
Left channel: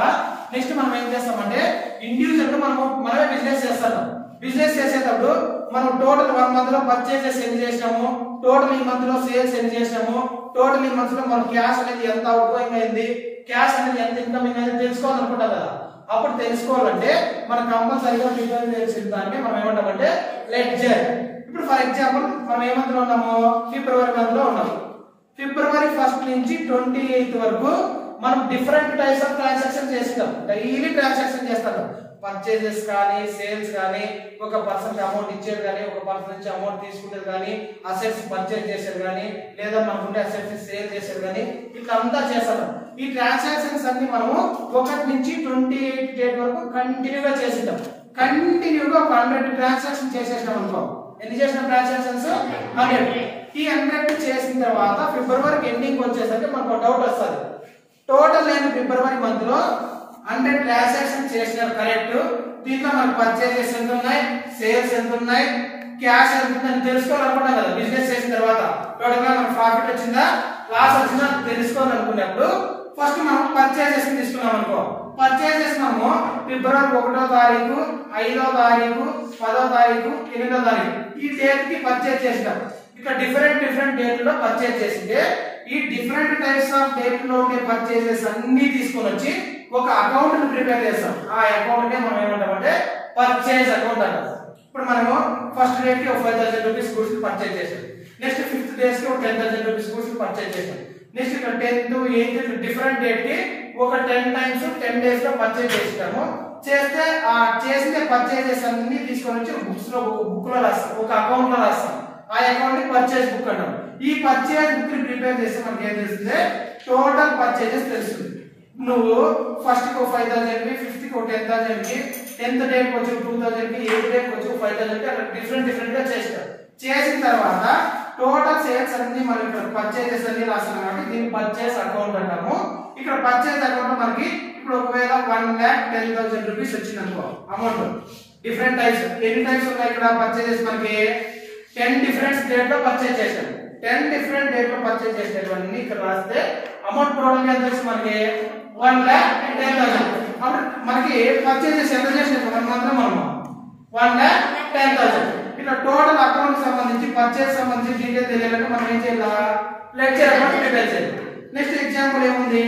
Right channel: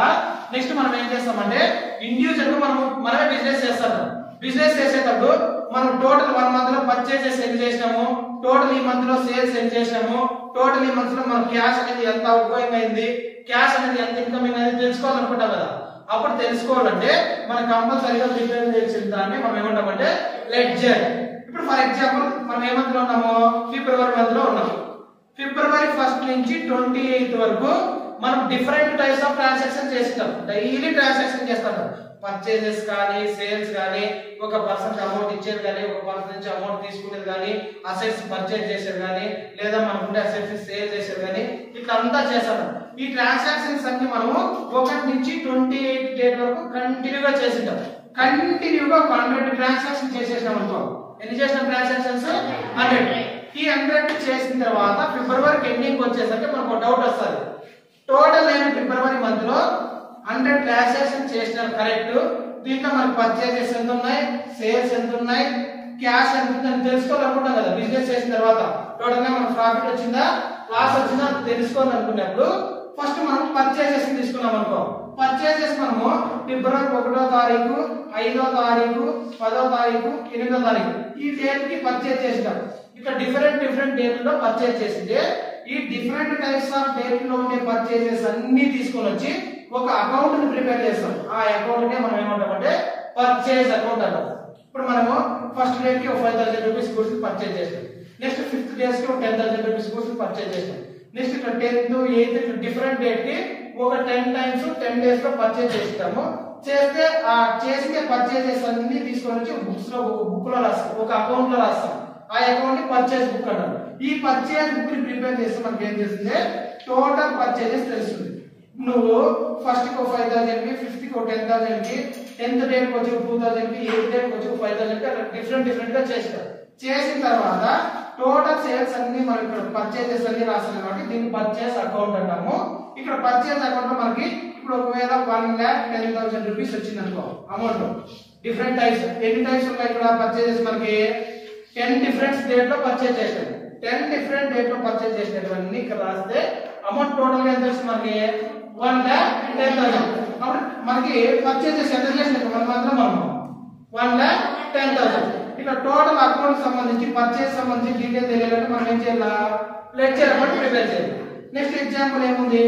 నెక్స్ట్ మనం ఏం చేస్తామంటే ఇండివిజువల్ గా మనమే బిజినెస్ చేస్తాం. బిజినెస్ చేసేటప్పుడు మనం టోటల్ 1 మంత్ లో పర్చేజెస్ ఎన్ని చేసినాము, టోటల్ ఈ మంత్ లో సేల్స్ ఎన్ని చేసినాము, టోటల్ ఈ మంత్ లో మనం క్యాష్ అనేది ఎంత అవుట్గోయింగ్ అయింది, క్యాష్ అనేది ఎంత ఇన్కమింగ్ అనేది తెలుసుకోవాలనుకుంటాం కదా. అప్పుడు తెలుసుకోవాలంటే మనం కంపల్సరీగా ప్రిపేర్ చేసిన దాన్ని మనం ఏమంటామంటే లెడ్జర్. ఇప్పుడు ఫర్ ఎగ్జాంపుల్ మనం ఏ మంత్ లో ఉన్నాము, ఫిబ్రవరి మంత్ లో ఉన్నాము. ఫిబ్రవరి 1 నుంచి 28 వరకు మనం డిఫరెంట్ టైప్స్ ఆఫ్ ట్రాన్సాక్షన్ చేస్తాం. డైలీ ట్రాన్సాక్షన్ చేస్తాం. పర్చేజెస్ కానీ సేల్స్ కానీ, ఒక పర్సన్ కి అమౌంట్ ఇచ్చేది కానీ, ఒక పర్సన్ నుంచి అమౌంట్ తీసుకునేది కానీ, అసెట్స్ పర్చేజ్ చేసేది కానీ, లేదా మనకుండే అసెట్స్ సేల్ చేసేది కానీ ఇట్లా అంతా చేస్తాం. ఈ ట్రాన్సాక్షన్స్ అన్ని మనము 1 నుంచి 28 డేట్ వరకు కంటిన్యూగా చేసింటాం. కంటిన్యూగా ఒక 100 ట్రాన్సాక్షన్ చేసేసినాం అనుకో. ఎన్ని చేసినాం ట్రాన్సాక్షన్స్? 100. ఈ 100 చేసిన తర్వాత ఫిబ్రవరి ఎండింగ్ వచ్చేసరికి మనకు డౌట్ వస్తుంది. టోటల్ అయిన ఫిబ్రవరి మంత్ లో 100 ట్రాన్సాక్షన్ చేసినారు కరెక్ట్. దీంట్లో మనకు పర్చేజెస్ ఎంత ఉన్నాయి, సేల్స్ ఎంత ఉన్నాయి, క్యాష్ ఎంత ఉందని తెలుసుకోవాలనుకుంటాం కదా. బిజినెస్ చేసిన తర్వాత టోటల్ గా మనకు ప్రాఫిట్ వచ్చిందా లాస్ వచ్చిందా తెలుసుకోవాలనుకున్నప్పుడు ఫస్ట్ మనం పర్చేజెస్ తీసుకున్నాం అనుకో. పర్చేజెస్ మనము ఫిబ్రవరి 1వ తారీఖు, 5వ తారీఖు, 10వ తారీఖు, 8వ తారీఖు ఈ డేట్ కి పర్చేజ్ చేస్తాం. ఇక్కడ డిఫరెంట్ డేట్ లో పర్చేజ్ చేసింటే ఈ డిఫరెంట్ టైప్స్ ఆఫ్ డేట్ లో ఉండే పర్చేజెస్ అన్ని తీసుకొని వచ్చి ఒక అకౌంట్ ని ప్రిపేర్ చేస్తాం. ఆ అకౌంట్ నే మనం ఏమంటామంటే పర్చేజ్ అకౌంట్ అంటాం. ఇప్పుడు మనము ఫస్ట్ డేట్ కి 5000 రూపీస్ గూడ్స్ పర్చేజ్ చేస్తాం. నెక్స్ట్ 5th డేస్ కి 10,000 రూపీస్ గూడ్స్ పర్చేజ్ చేస్తాం. నెక్స్ట్ ఇక్కడ 10th, 8th డిఫరెంట్ డేట్ కి ఒక 10 టైమ్స్ 10 డేస్ లో పర్చేజ్ చేస్తాము. చేస్తే ఆ చేసిన పర్చేజెస్ అన్ని తీసుకొని వచ్చి బుక్ లో రాస్తాం, ఒక అకౌంట్ లో రాస్తాం. ఆ అకౌంట్ ని పర్చేజ్ బుక్ అంటాం. ఈ పర్చేజ్ బుక్ ని ప్రిపేర్ చేస్తే మనకి ఏం తెలుస్తుంది? టోటల్ పర్చేజెస్ తెలుస్తుంది. నువ్వు ఫస్ట్ కి 5,000 కి, 5th కి 10,000 కి, 10th డేట్ కి వచ్చి 2,000 కి, 8th డేట్ కి వచ్చి 5,000 కి అట్లా డిఫరెంట్ గా చేస్తాం. చేసిన తర్వాత టోటల్ సేల్స్ అన్ని మనం ఇక్కడ పర్చేజెస్ అన్ని రాస్తాం కాబట్టి దీన్ని పర్చేస్ అకౌంట్ అంటాము. ఇక్కడ పర్చేజ్ అకౌంట్ లో మనకి ఇప్పుడు ఒకవేళ 1,10,000 రూపీస్ వచ్చింది అనుకో అమౌంట్. డిఫరెంట్ టైప్స్ ఎన్ని టైప్స్ ఉన్నాయి ఇక్కడ పర్చేజెస్ మనకి 10 డిఫరెంట్ డేట్ లో పర్చేజ్ చేసాం. 10 డిఫరెంట్ డేట్ లో పర్చేజ్ చేసేవన్నీ ఇక్కడ రాస్తే అమౌంట్ టోటల్ గా ఎంత వస్తుంది మనకి? 1,10,000. అప్పుడు మనకి పర్చేజెస్ ఎంత చేసినాం మాత్రం మనము 1,10,000. ఇక్కడ టోటల్ అకౌంట్ సంబంధించి పర్చేజ్ సంబంధించి డీటెయిల్ తెలియాలంటే మనం ఏం చేయాలి? లెడ్జర్ అకౌంట్ ప్రిపేర్ చేయాలి. నెక్స్ట్ ఎగ్జాంపుల్ ఏముంది?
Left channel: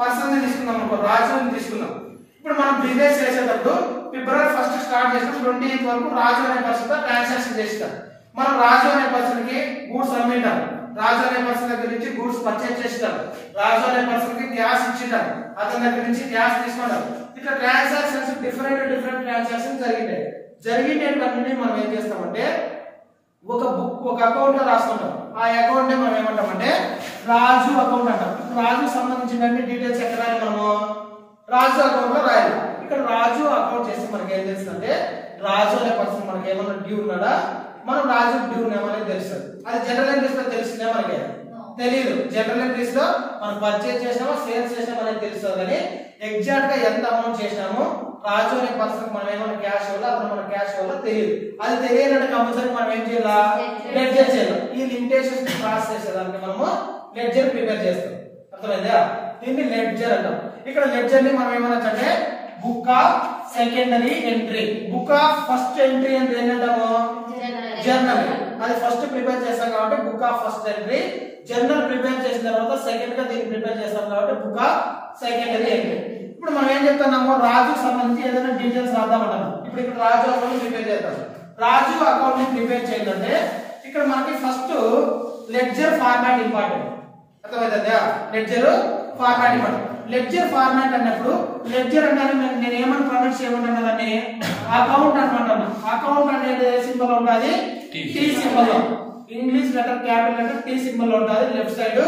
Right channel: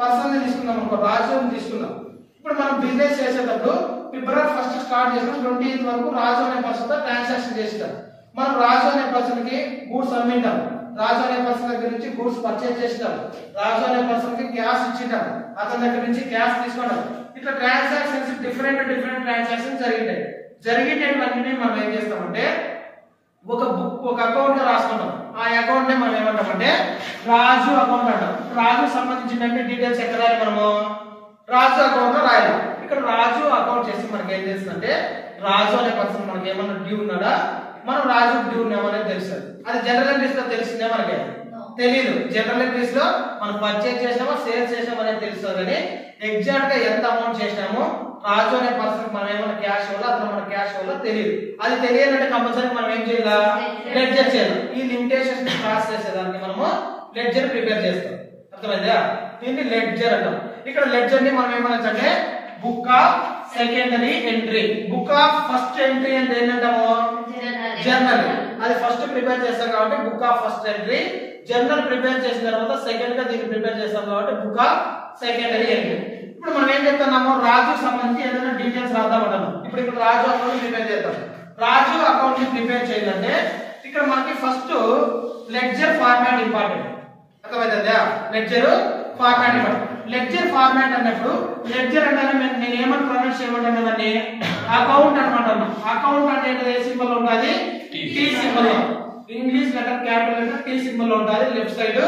పర్సన్ తీసుకుందాం అనుకో, రాజుని తీసుకుందాం. ఇప్పుడు మనం బిజినెస్ చేసేటప్పుడు ఫిబ్రవరి 1st స్టార్ట్ చేస్తాం, 20th వరకు రాజు అనే పర్సన్ తో ట్రాన్సాక్షన్ చేస్తాం. మనం రాజు అనే పర్సన్ కి గూడ్స్ అమ్మింటాం, రాజు అనే పర్సన్ దగ్గర నుంచి గూడ్స్ పర్చేజ్ చేస్తాం, రాజు అనే పర్సన్ కి క్యాష్ ఇచ్చింటాం, అతని దగ్గర నుంచి క్యాష్ తీసుకుంటాం. ఇట్లా ట్రాన్సాక్షన్స్ డిఫరెంట్ ట్రాన్సాక్షన్స్ జరిగినాయి. జరిగేటన్నీ మనం ఏం చేస్తామంటే ఒక బుక్, ఒక అకౌంట్ లో రాసుకుంటాం. ఆ అకౌంట్ ని మనం ఏమంటామంటే రాజు అకౌంట్ అంటాం. రాజుకు సంబంధించిన డీటెయిల్స్ ఎక్కడ రాయాలి? మనము రాజు అకౌంట్ లో రాయాలి. ఇక్కడ రాజు అకౌంట్ చేస్తే మనకి ఏం తెలుస్తుందంటే రాజు అనే పర్సన్ మనకి ఏమన్నా డ్యూ ఉన్నాడా, మనం రాజు డ్యూ ఉన్నామనేది తెలుస్తుంది. అది జనరల్ ఎంట్రీస్ లో తెలిసిందే మనకి తెలీదు. జనరల్ ఎంట్రీస్ లో మనం పర్చేజ్ చేసినామో సేల్స్ చేసినామో అనేది తెలుస్తుంది. కానీ ఎగ్జాక్ట్ గా ఎంత అమౌంట్ చేసినామో రాజు అనే పర్సన్ మనం ఏమన్నా క్యాష్ వల్ల అతను మన క్యాష్ వల్ల తెలియదు. అది తెలియాలంటే కంపల్సరీ మనం ఏం చేయాలి? లెడ్జర్ చేయాలి. ఈ లిమిటేషన్స్ క్రాస్ చేసేదానికి మనము లెడ్జర్ ప్రిపేర్ చేస్తాం. అర్థమైందా? దీన్ని లెడ్జర్ అంటాం. ఇక్కడ లెడ్జర్ ని మనం ఏమనొచ్చంటే book of secondary entry, book of first entry అంటే ఏంటంటాము? జర్నల్. అది ఫస్ట్ ప్రిపేర్ చేస్తాం కాబట్టి book of first entry. Journal prepare చేసిన తర్వాత సెకండ్ గా దీన్ని ప్రిపేర్ చేస్తాం కాబట్టి బుక్ ఆఫ్ సెకండరీ ఎంట్రీ. ఇప్పుడు మనం ఏం చెప్తున్నాము? రాజుకు సంబంధించి ఏదైనా డీటెయిల్స్ రాద్దామంటాము. ఇప్పుడు ఇక్కడ రాజు అకౌంట్ ప్రిపేర్ చేద్దాం. రాజు అకౌంట్ ని ప్రిపేర్ చేయాలంటే ఇక్కడ మనకి ఫస్ట్ లెడ్జర్ ఫార్మాట్ ఇంపార్టెంట్. అర్థమైందా? Ledger format important. Ledger format అన్నప్పుడు లెడ్జర్ అంటే నేను ఏమని ప్రొనౌన్స్ చేయమంటాను దాన్ని? అకౌంట్ అనమాట. అకౌంట్ అంటే ఏ సింబల్ ఉంటుంది? టీ సింబల్ లో. English letter capital letter T symbol లో ఉంటుంది. లెఫ్ట్ సైడ్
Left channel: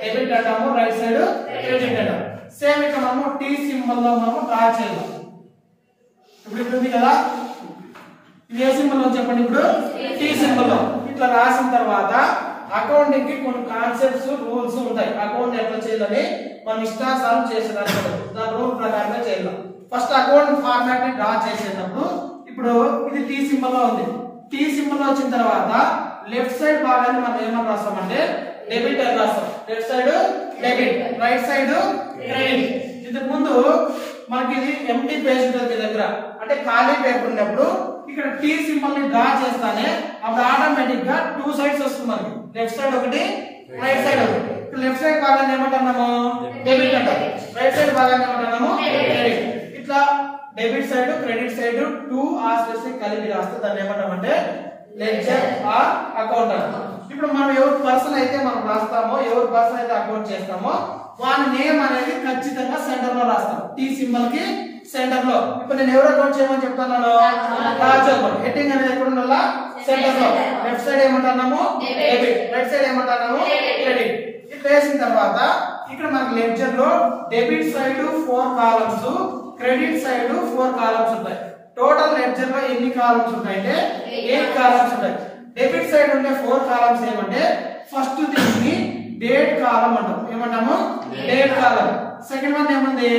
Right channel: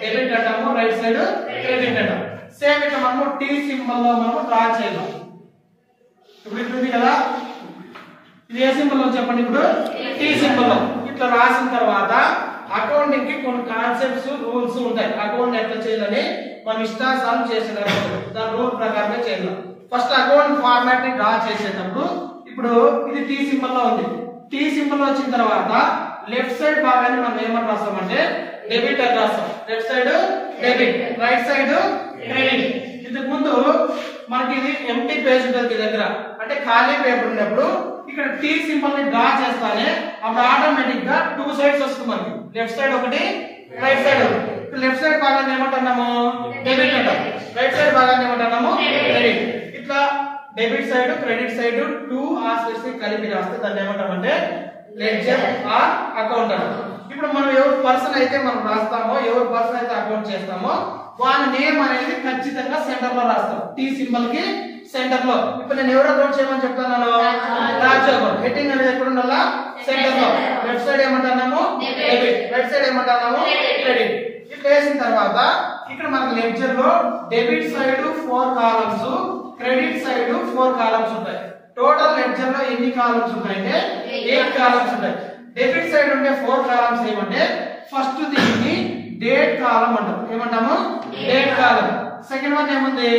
డెబిట్ అంటాము, రైట్ సైడ్ క్రెడిట్ అంటాము. సేమ్ ఇక్కడ మనము టీ సింబల్ లో మనము డ్రా చేయాలి. ఇప్పుడు ఇక్కడ ఉంది కదా, ఇది ఏ సింబల్ లో చెప్పండి? ఇప్పుడు టీ సింబల్ లో. ఇట్లా రాసిన తర్వాత అకౌంటింగ్ కి కొన్ని కాన్సెప్ట్స్ రూల్స్ ఉంటాయి. అకౌంట్ ఎట్లా చేయాలని మనం ఇష్టానుసారం చేసేదాన్ని దాని రూల్ ప్రకారంగా చేయాలి. ఫస్ట్ అకౌంట్ ఫార్మాట్ ని డ్రా చేసేటప్పుడు ఇప్పుడు ఇది టీ సింబల్ లో ఉంది. టీ సింబల్ లో వచ్చిన తర్వాత లెఫ్ట్ సైడ్ భాగాన్ని మనం ఏమని రాస్తామంటే డెబిట్ అని రాస్తాం. Left side debit, right side credit. ఇంతకు ముందు మనకి ఇది ఎంటీ పేజ్ ఉంటుంది మీ దగ్గర, అంటే ఖాళీ పేపర్ ఉన్నప్పుడు ఇక్కడ టీ సింబల్ ని డ్రా చేస్తానే అప్పుడు ఆటోమేటిక్ గా 2 సైడ్స్ వస్తుంది మనకి. లెఫ్ట్ సైడ్ ఒకటి, రైట్ సైడ్ ఒకటి. లెఫ్ట్ సైడ్ భాగాన్ని ఏమంటున్నాము? డెబిట్ అంటాం. రైట్ సైడ్ భాగాన్ని ఏమంటున్నాము? క్రెడిట్. ఇట్లా debit side credit side 2 aspects కలిపి రాస్తే దాన్ని ఏమంటామంటే లెడ్జర్ ఆర్ అకౌంట్ అంటాం. ఇప్పుడు మనం ఎవరు పర్సన్ అయితే మనం రాస్తామో, ఎవరు పర్సన్ అయితే అకౌంట్ చేస్తామో వాని నేమ్ అనేది ఖచ్చితంగా సెంటర్ లో రాస్తాం. టీ సింబల్ కి సెంటర్ లో. ఇప్పుడు నేను ఎవరు అకౌంట్ చేయమని చెప్తాను? రాజు అకౌంట్. హెడ్డింగ్ అనేది ఎక్కడ ఉండాలా? సెంటర్ లో. లెఫ్ట్ సైడ్ ఏమంటున్నాము? డెబిట్, రైట్ సైడ్ ఏమంటున్నాము? క్రెడిట్. ఇట్లా వేసిన తర్వాత ఇక్కడ మనకి లెడ్జర్ లో debit side 4 columns, credit side 4 columns ఉంటాయి. టోటల్ లెడ్జర్ లో ఎన్ని కాలమ్స్ ఉంటాయంటే 8 కాలమ్స్ ఉంటాయి. డెబిట్ సైడ్ ఉండే 4 కాలమ్స్ ఏమంటే ఫస్ట్ దీన్ని డేట్ కాలం అంటాం. ఏమంటాము? డేట్ కాలం. సెకండ్ వన్ ఏముంది?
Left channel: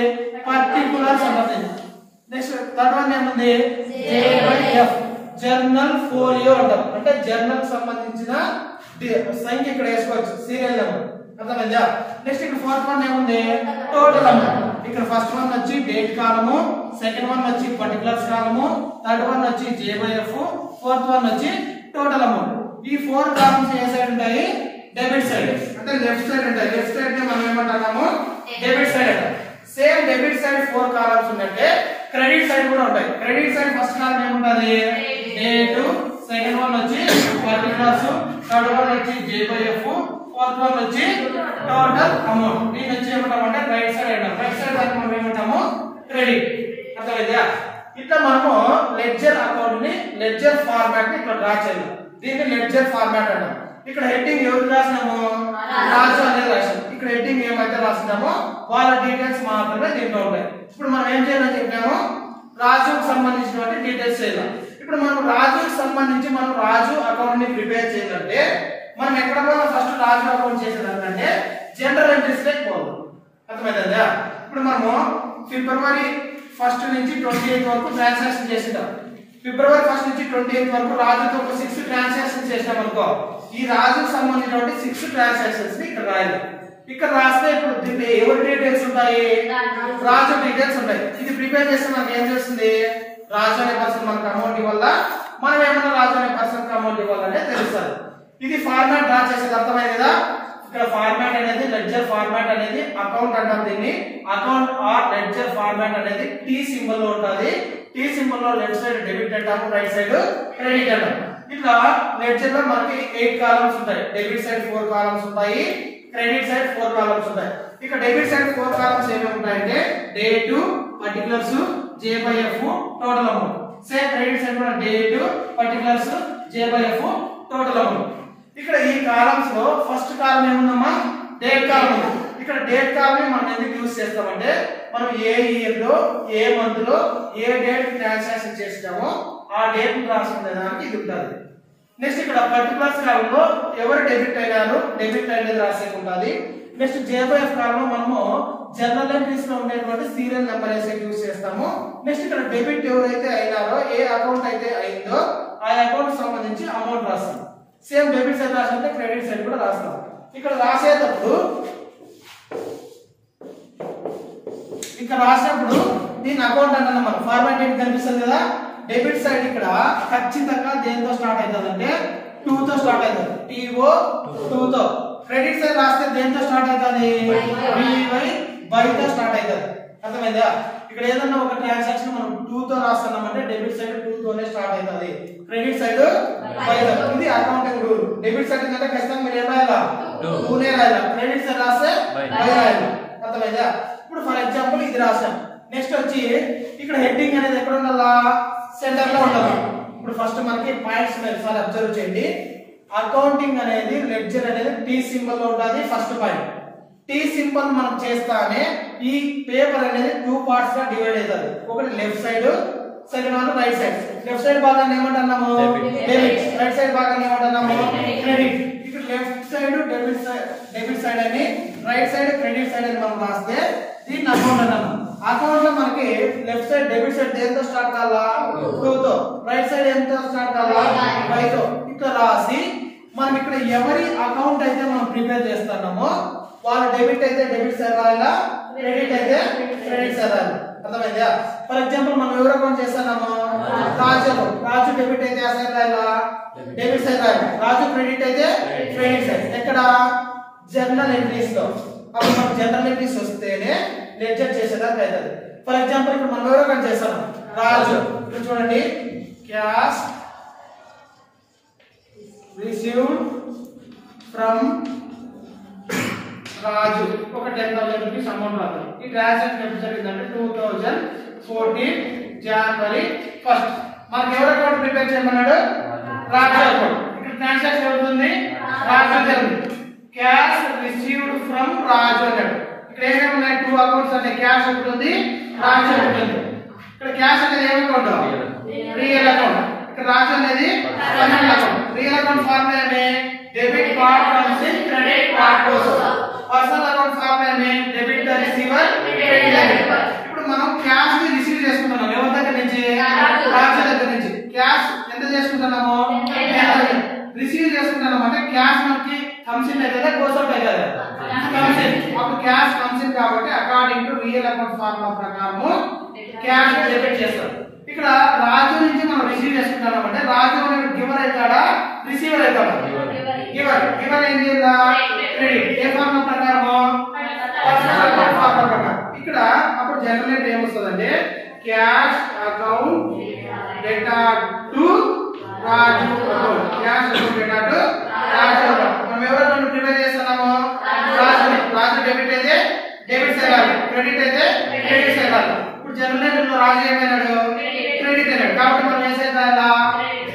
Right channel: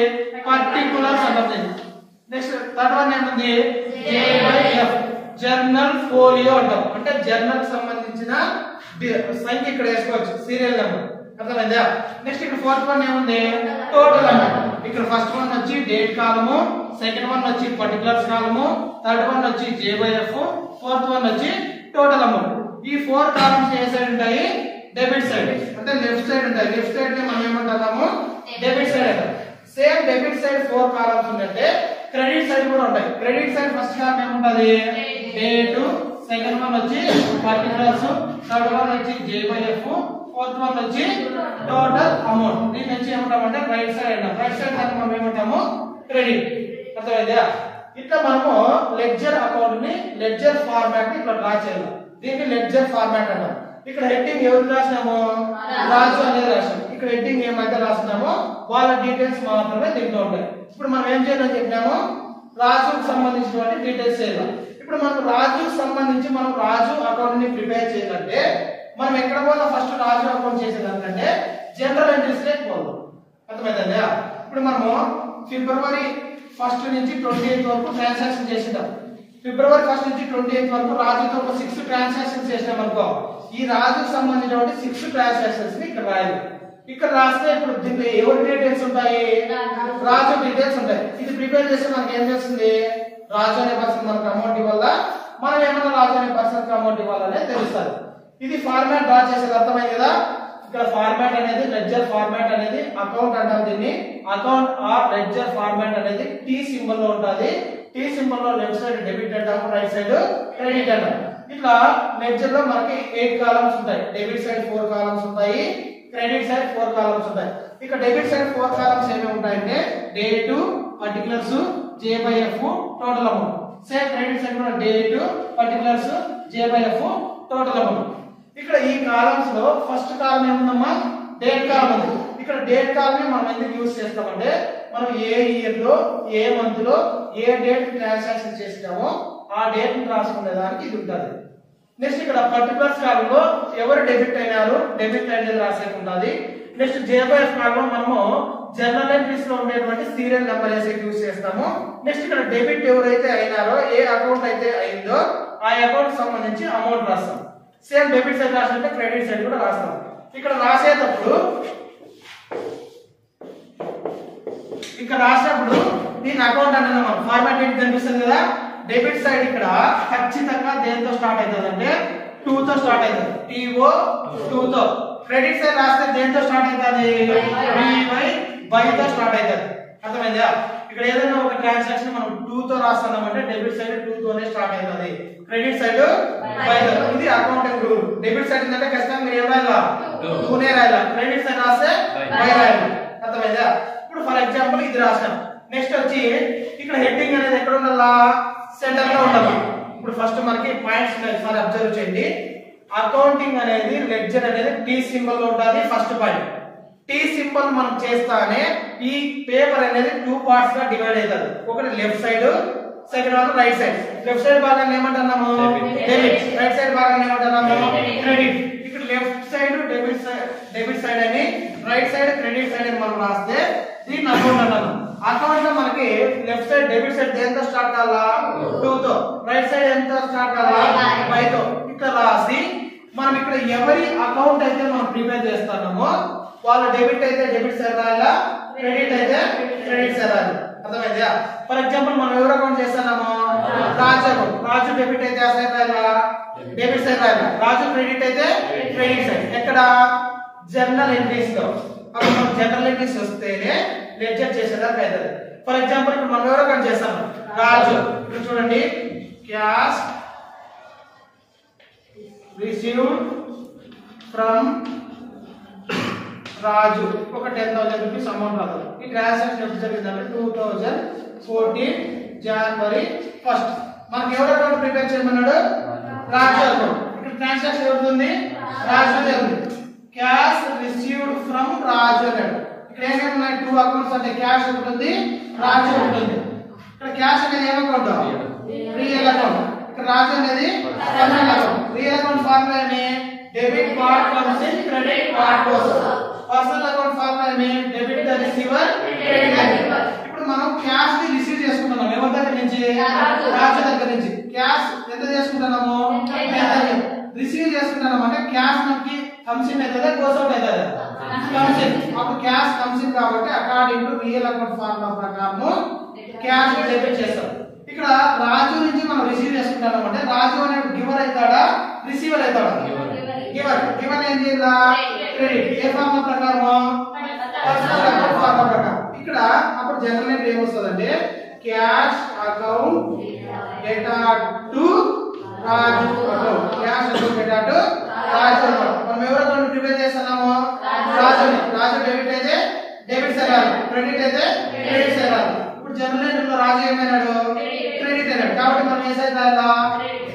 పర్టికులర్స్ అంటాం. నెక్స్ట్ థర్డ్ వన్ ఏముంది? జేవైఎఫ్ జర్నల్ ఫోలియో అంటాం. అంటే జర్నల్ కి సంబంధించిన సంఖ్య ఇక్కడ వేసుకోవచ్చు, సీరియల్ నెంబర్. అర్థమైందా? నెక్స్ట్ ఇక్కడ ఫోర్త్ వన్ ఏముంది? Total amount. ఇక్కడ ఫస్ట్ వన్ వచ్చి డేట్ కాలము, సెకండ్ వన్ వచ్చి పర్టికులర్స్ కాలము, థర్డ్ వన్ వచ్చి జేవైఎఫ్, ఫోర్త్ వన్ వచ్చి టోటల్ అమౌంట్. ఈ 4 కాలమ్స్ ఏ సైడ్ ఉంటాయి? Debit side. అంటే లెఫ్ట్ సైడ్ ఉంటాయి. లెఫ్ట్ సైడ్ ని మనం ఏమంటాము? డెబిట్ సైడ్ అంటాం. సేమ్ డెబిట్ సైడ్ 4 కాలమ్స్ ఉంటే క్రెడిట్ సైడ్ కూడా ఉంటాయి. క్రెడిట్ సైడ్ ఫస్ట్ కాలమ్ ఏముంటది? డేట్, సెకండ్ వన్ వచ్చి పర్టికులర్స్, థర్డ్ వన్ వచ్చి జేవైఎఫ్, ఫోర్త్ వన్ వచ్చి టోటల్ అమౌంట్. దీన్ని వచ్చి ఏమంటామంటే రైట్ సైడ్ అంటాం. రైట్ సైడ్ దాన్ని మనం ఏమంటాము? క్రెడిట్. అర్థమైందా? ఇట్లా మనము లెడ్జర్ అకౌంట్ ని లెడ్జర్ ఫార్మాట్ ని ఇట్లా డ్రా చేయాలి. దీన్ని లెడ్జర్ ఫార్మాట్ అంటాం. ఇక్కడ హెడ్డింగ్ ఎవరు రాసినాము? రాజు అనేది రాసాము. ఇక్కడ హెడ్డింగ్ ఏమైతే రాసినామో వాళ్ళ డీటెయిల్స్ మాత్రమే దీంట్లో ఉంటాయి. ఇప్పుడు మనం ఏం చేయాలని చెప్పినాము? రాజుకు సంబంధించినటువంటి డీటెయిల్స్ చేయాలి. ఇప్పుడు మనం రాజుకు సంబంధించి మనం రాజు అకౌంట్ ని ప్రిపేర్ చేయాలంటే మనం ఎక్కడ పోయినా ఫస్ట్ రాజు అకౌంట్ చేసేదానికంటే జనరల్ ఎంట్రీస్ లేక పోదు. అర్థమైందా? ఇప్పుడు మనము ఫిబ్రవరి 1 నుంచి 28 వరకు ట్రాన్సాక్షన్ చేసినాం. ఫిబ్రవరి 1 నుంచి 28 వరకు రాజుతో ఒక 6 ట్రాన్సాక్షన్స్ చేసినాం అనుకో. ఈ రాజుకు సంబంధించినటువంటి 6 ట్రాన్సాక్షన్స్ ని ఇక్కడ రాయాలి. ఇక్కడ రాస్తే ఇప్పుడు దీంట్లో ఎవరి డీటెయిల్స్ ఉంటాయి? రాజు డీటెయిల్స్ ఉంటాయి. ఇది ప్రిపేర్ చేస్తే మనకి ఏం చేస్తుంది? రాజు అనే పర్సన్ మనకు అమౌంట్ ఇవ్వాలా, మనం ఏమన్నా రాజు అనే పర్సన్ కి అమౌంట్ ఇవ్వాలనే తెలుస్తుంది. ఇది ఫార్మాట్ డ్రా చేసేది. అర్థమైంది కదా? ఇక్కడ ఫార్మాట్ అనేది లెడ్జర్ ఫార్మాట్ అనేది అకౌంట్ అంటాం. దీన్ని అకౌంట్ ఆర్ లెడ్జర్ ఫార్మాట్ అనేది టీ సింబల్ లో ఉంటుంది. టీ సింబల్ లో లెఫ్ట్ సైడ్ డెబిట్ అంటాము, రైట్ సైడ్ క్రెడిట్ అంటాము. ఇట్లా లెడ్జర్ లో మనకి 8 కాలమ్స్ ఉంటాయి. డెబిట్ సైడ్ 4 కాలమ్స్ ఉంటాయి, క్రెడిట్ సైడ్ 4 కాలమ్స్ ఉంటాయి. ఇక డెబిట్ సైడ్ 4 కాలమ్స్ ఏమేమి ఉంటాయంటే date, particulars, JYF, total amount. Same credit side కూడా date, particulars, JYF, total amount. ఇక్కడ ఈ కాలమ్స్ లో ఫస్ట్ కాలం ఏముందమ్మా? డేట్ కాలం ఉంది. ఇక్కడ డేట్ కాలం ని మనం ఎందుకు యూజ్ చేస్తామంటే మనం ఏ ఇయర్ లో, ఏ మంత్ లో, ఏ డేట్ ట్రాన్సాక్షన్ చేస్తామో ఆ డేట్ ని రాసుకునే దానికి ఇది ఉంటుంది. నెక్స్ట్ ఇక్కడ పర్టికులర్స్ కాలం లో ఎవరు డెబిట్ అయినారు, డెబిట్ అనేది రాసేది ఉంటుంది. నెక్స్ట్ జేవైఎఫ్ కాలం లో మనము జనరల్ ఎంట్రీస్ లో ఉండేటువంటి సీరియల్ నెంబర్ యూజ్ చేస్తాము. నెక్స్ట్ ఇక్కడ డెబిట్ ఎవరైతే అయినారో, ఏ అకౌంట్ అయితే అయిందో ఆ అకౌంట్ సంబంధించి అమౌంట్ రాస్తాం. సేమ్ డెబిట్ సైడ్ రాసినట్టే క్రెడిట్ సైడ్ కూడా రాస్తాం. ఇక్కడ రాసేటప్పుడు దీని అకౌంట్ అంటే మనం ఫార్మాట్ ఏంటి కనిపిస్తుంది కదా? డెబిట్ సైడ్ ఇక్కడ ఖచ్చితంగా దేంతో స్టార్ట్ అవుతుంది అంటే 2 తో స్టార్ట్ అవుతుంది. TO 2 తో. క్రెడిట్ సైడ్ రాస్తే దేంతో స్టార్ట్ అవుతుంది? BY తో స్టార్ట్ అవుతుంది. అర్థమైందా? ఇక్కడ ఏదైనా ఒక ట్రాన్సాక్షన్ మనం 2 తో రాస్తున్నామంటే డెబిట్ సైడ్ 2 తోనే స్టార్ట్ అవుతుంది, క్రెడిట్ సైడ్ బై తో. ఇది అకౌంటింగ్ రూల్. డెబిట్ సైడ్ అంటే ఖచ్చితంగా మీరు ఏం రాయాలా? 2 నే రాయాలా. క్రెడిట్ సైడ్ రాస్తే బై రాయాలి. అర్థమైందా? ఇప్పుడు ఫర్ ఎగ్జాంపుల్ ఇది రాసాం. నెక్స్ట్ వచ్చి ఇక్కడ హెడ్డింగ్ అనేది ఎక్కడ ఉండాలా? సెంటర్ లో ఉండాలి. ఇప్పుడు ఫస్ట్ మనకి పాయింట్స్ ఒకసారి అబ్జర్వ్ చేయండి. అకౌంటింగ్ అనేది లెడ్జర్ అనేది టీ సింబల్ లో ఉంటుంది. ఫస్ట్ పాయింట్ టీ సింబల్ మనం చేస్తానే ఈ పేపర్ అనేది 2 పార్ట్స్ గా డివైడ్ అవుతుంది. ఒకటి left side, second one right side. Left side భాగాన్ని ఏమంటున్నాము? డెబిట్. రైట్ సైడ్ భాగాన్ని ఏమంటున్నాము? క్రెడిట్. ఇక్కడ లెఫ్ట్ సైడ్ డెబిట్ సైడ్ అని, రైట్ సైడ్ క్రెడిట్ సైడ్ అని మనం రాస్తే దీన్ని అకౌంట్ అంటున్నాం. అకౌంట్ లో మనకి లెఫ్ట్ సైడ్ డెబిట్ సైడ్ దేంతో స్టార్ట్ కావాలా? 2 తో. రైట్ సైడ్ ఎంతో స్టార్ట్ కావాలా? 5 తో. ఇక్కడ రాసి మనం ఇక్కడ ఎవరి అకౌంట్ అయితే మనం ప్రిపేర్ చేస్తున్నామో వాళ్ళ డెబిట్ అయితే డెబిట్ సైడ్ రాయాలా, క్రెడిట్ అయితే క్రెడిట్ సైడ్ రాయాలి. అర్థమైందా? ఫర్ ఎగ్జాంపుల్ మనం ఎవరు అకౌంట్ చేస్తున్నాము? రాజు అకౌంట్. రాజు డెబిట్ అయితే ఆ సైడ్ రాయాలా? డెబిట్ సైడ్ రాయాలి. రాజు క్రెడిట్ అయితే క్రెడిట్ సైడ్. ఎక్కడ? జర్నల్ ఎంట్రీస్ లో. అప్పుడు మనం జనరల్ ఎంట్రీస్ వస్తేనే లెడ్జర్ చేసేదానికి అవుతుంది. ఫర్ ఎగ్జాంపుల్ ఇప్పుడు మనం ఎవరు అకౌంట్ చేస్తాము? రాజు. ఇక్కడ చూడండి, క్యాష్ రిసీవ్డ్ ఫ్రమ్ రాజు ఒక 10,000 రూపీస్ అమౌంట్ రాదు. ఈ ట్రాన్సాక్షన్ ఎప్పుడు జరిగిందంటే 2014 జనవరి 1. మనకి ఎవరు అకౌంట్ ప్రిపేర్ చేయమన్నాడు? రాజు అకౌంట్. ఇక్కడ ట్రాన్సాక్షన్ అవుతుంది రాజు జరిగింది. క్యాష్ రిసీవ్డ్ ఫ్రమ్ రాజు అన్నాడు. ఇక్కడ ఏమేమి ఉన్నాయి? 2 అకౌంట్స్ అంటే క్యాష్ ఒకటి ఉంది, రాజు ఒకటి ఉంది. ఇక్కడ క్యాష్ అనేది ఏం అకౌంట్? Real account. ఇక్కడ రాజు అనేది personal account. Real account formula ఏమి? Debit card comes in credit card goes out. Personal account formula ఏమి? Debit the receiver credit debit. ఇప్పుడు మనం క్యాష్ ని రిసీవ్ చేసుకుంటున్నాం ఎవరి దగ్గర నుంచి? రాజు దగ్గర నుంచి. క్యాష్ ఎంత చేసుకుంటున్నాము? రిసీవ్ చేసుకుంటున్నాం అంటే క్యాష్ మనకి కమ్స్ ఇన్ అయితే గోస్ అవుట్ అయితే కమ్స్ ఇన్. అప్పుడు క్యాష్ కమ్స్ ఇన్ కాబట్టి according to real account formula ప్రకారము క్యాష్ డెబిట్ చేస్తారు. ఇక్కడ రాజు నుంచి మనం రిసీవ్ చేసుకుంటున్నాం అంటే రాజు అనేది గివర్ అవుతాడా రిసీవర్ అవుతాడా? గివర్. గివర్ ఏం చేయాలా? క్రెడిట్. ఏ ఫార్ములా ప్రకారము? పర్సనల్ అకౌంట్ ఫార్ములా ప్రకారం. ఇక్కడ అప్పుడు జనరల్ ఏమొస్తుందంటే cash account data to Raju account. Cash account data to Raju account. మనం ఎవరైనా ప్రిపేర్ చేస్తున్నాము? రాజుని. రాజు డెబిట్ అయితే డెబిట్ చేయాలి, క్రెడిట్ అయితే క్రెడిట్ చేయాలి. ఇప్పుడు జనరల్ లో రాజు ఏమైనాడు? క్రెడిట్ అయినాడు. కాబట్టి మనం ఏం చేయాలా?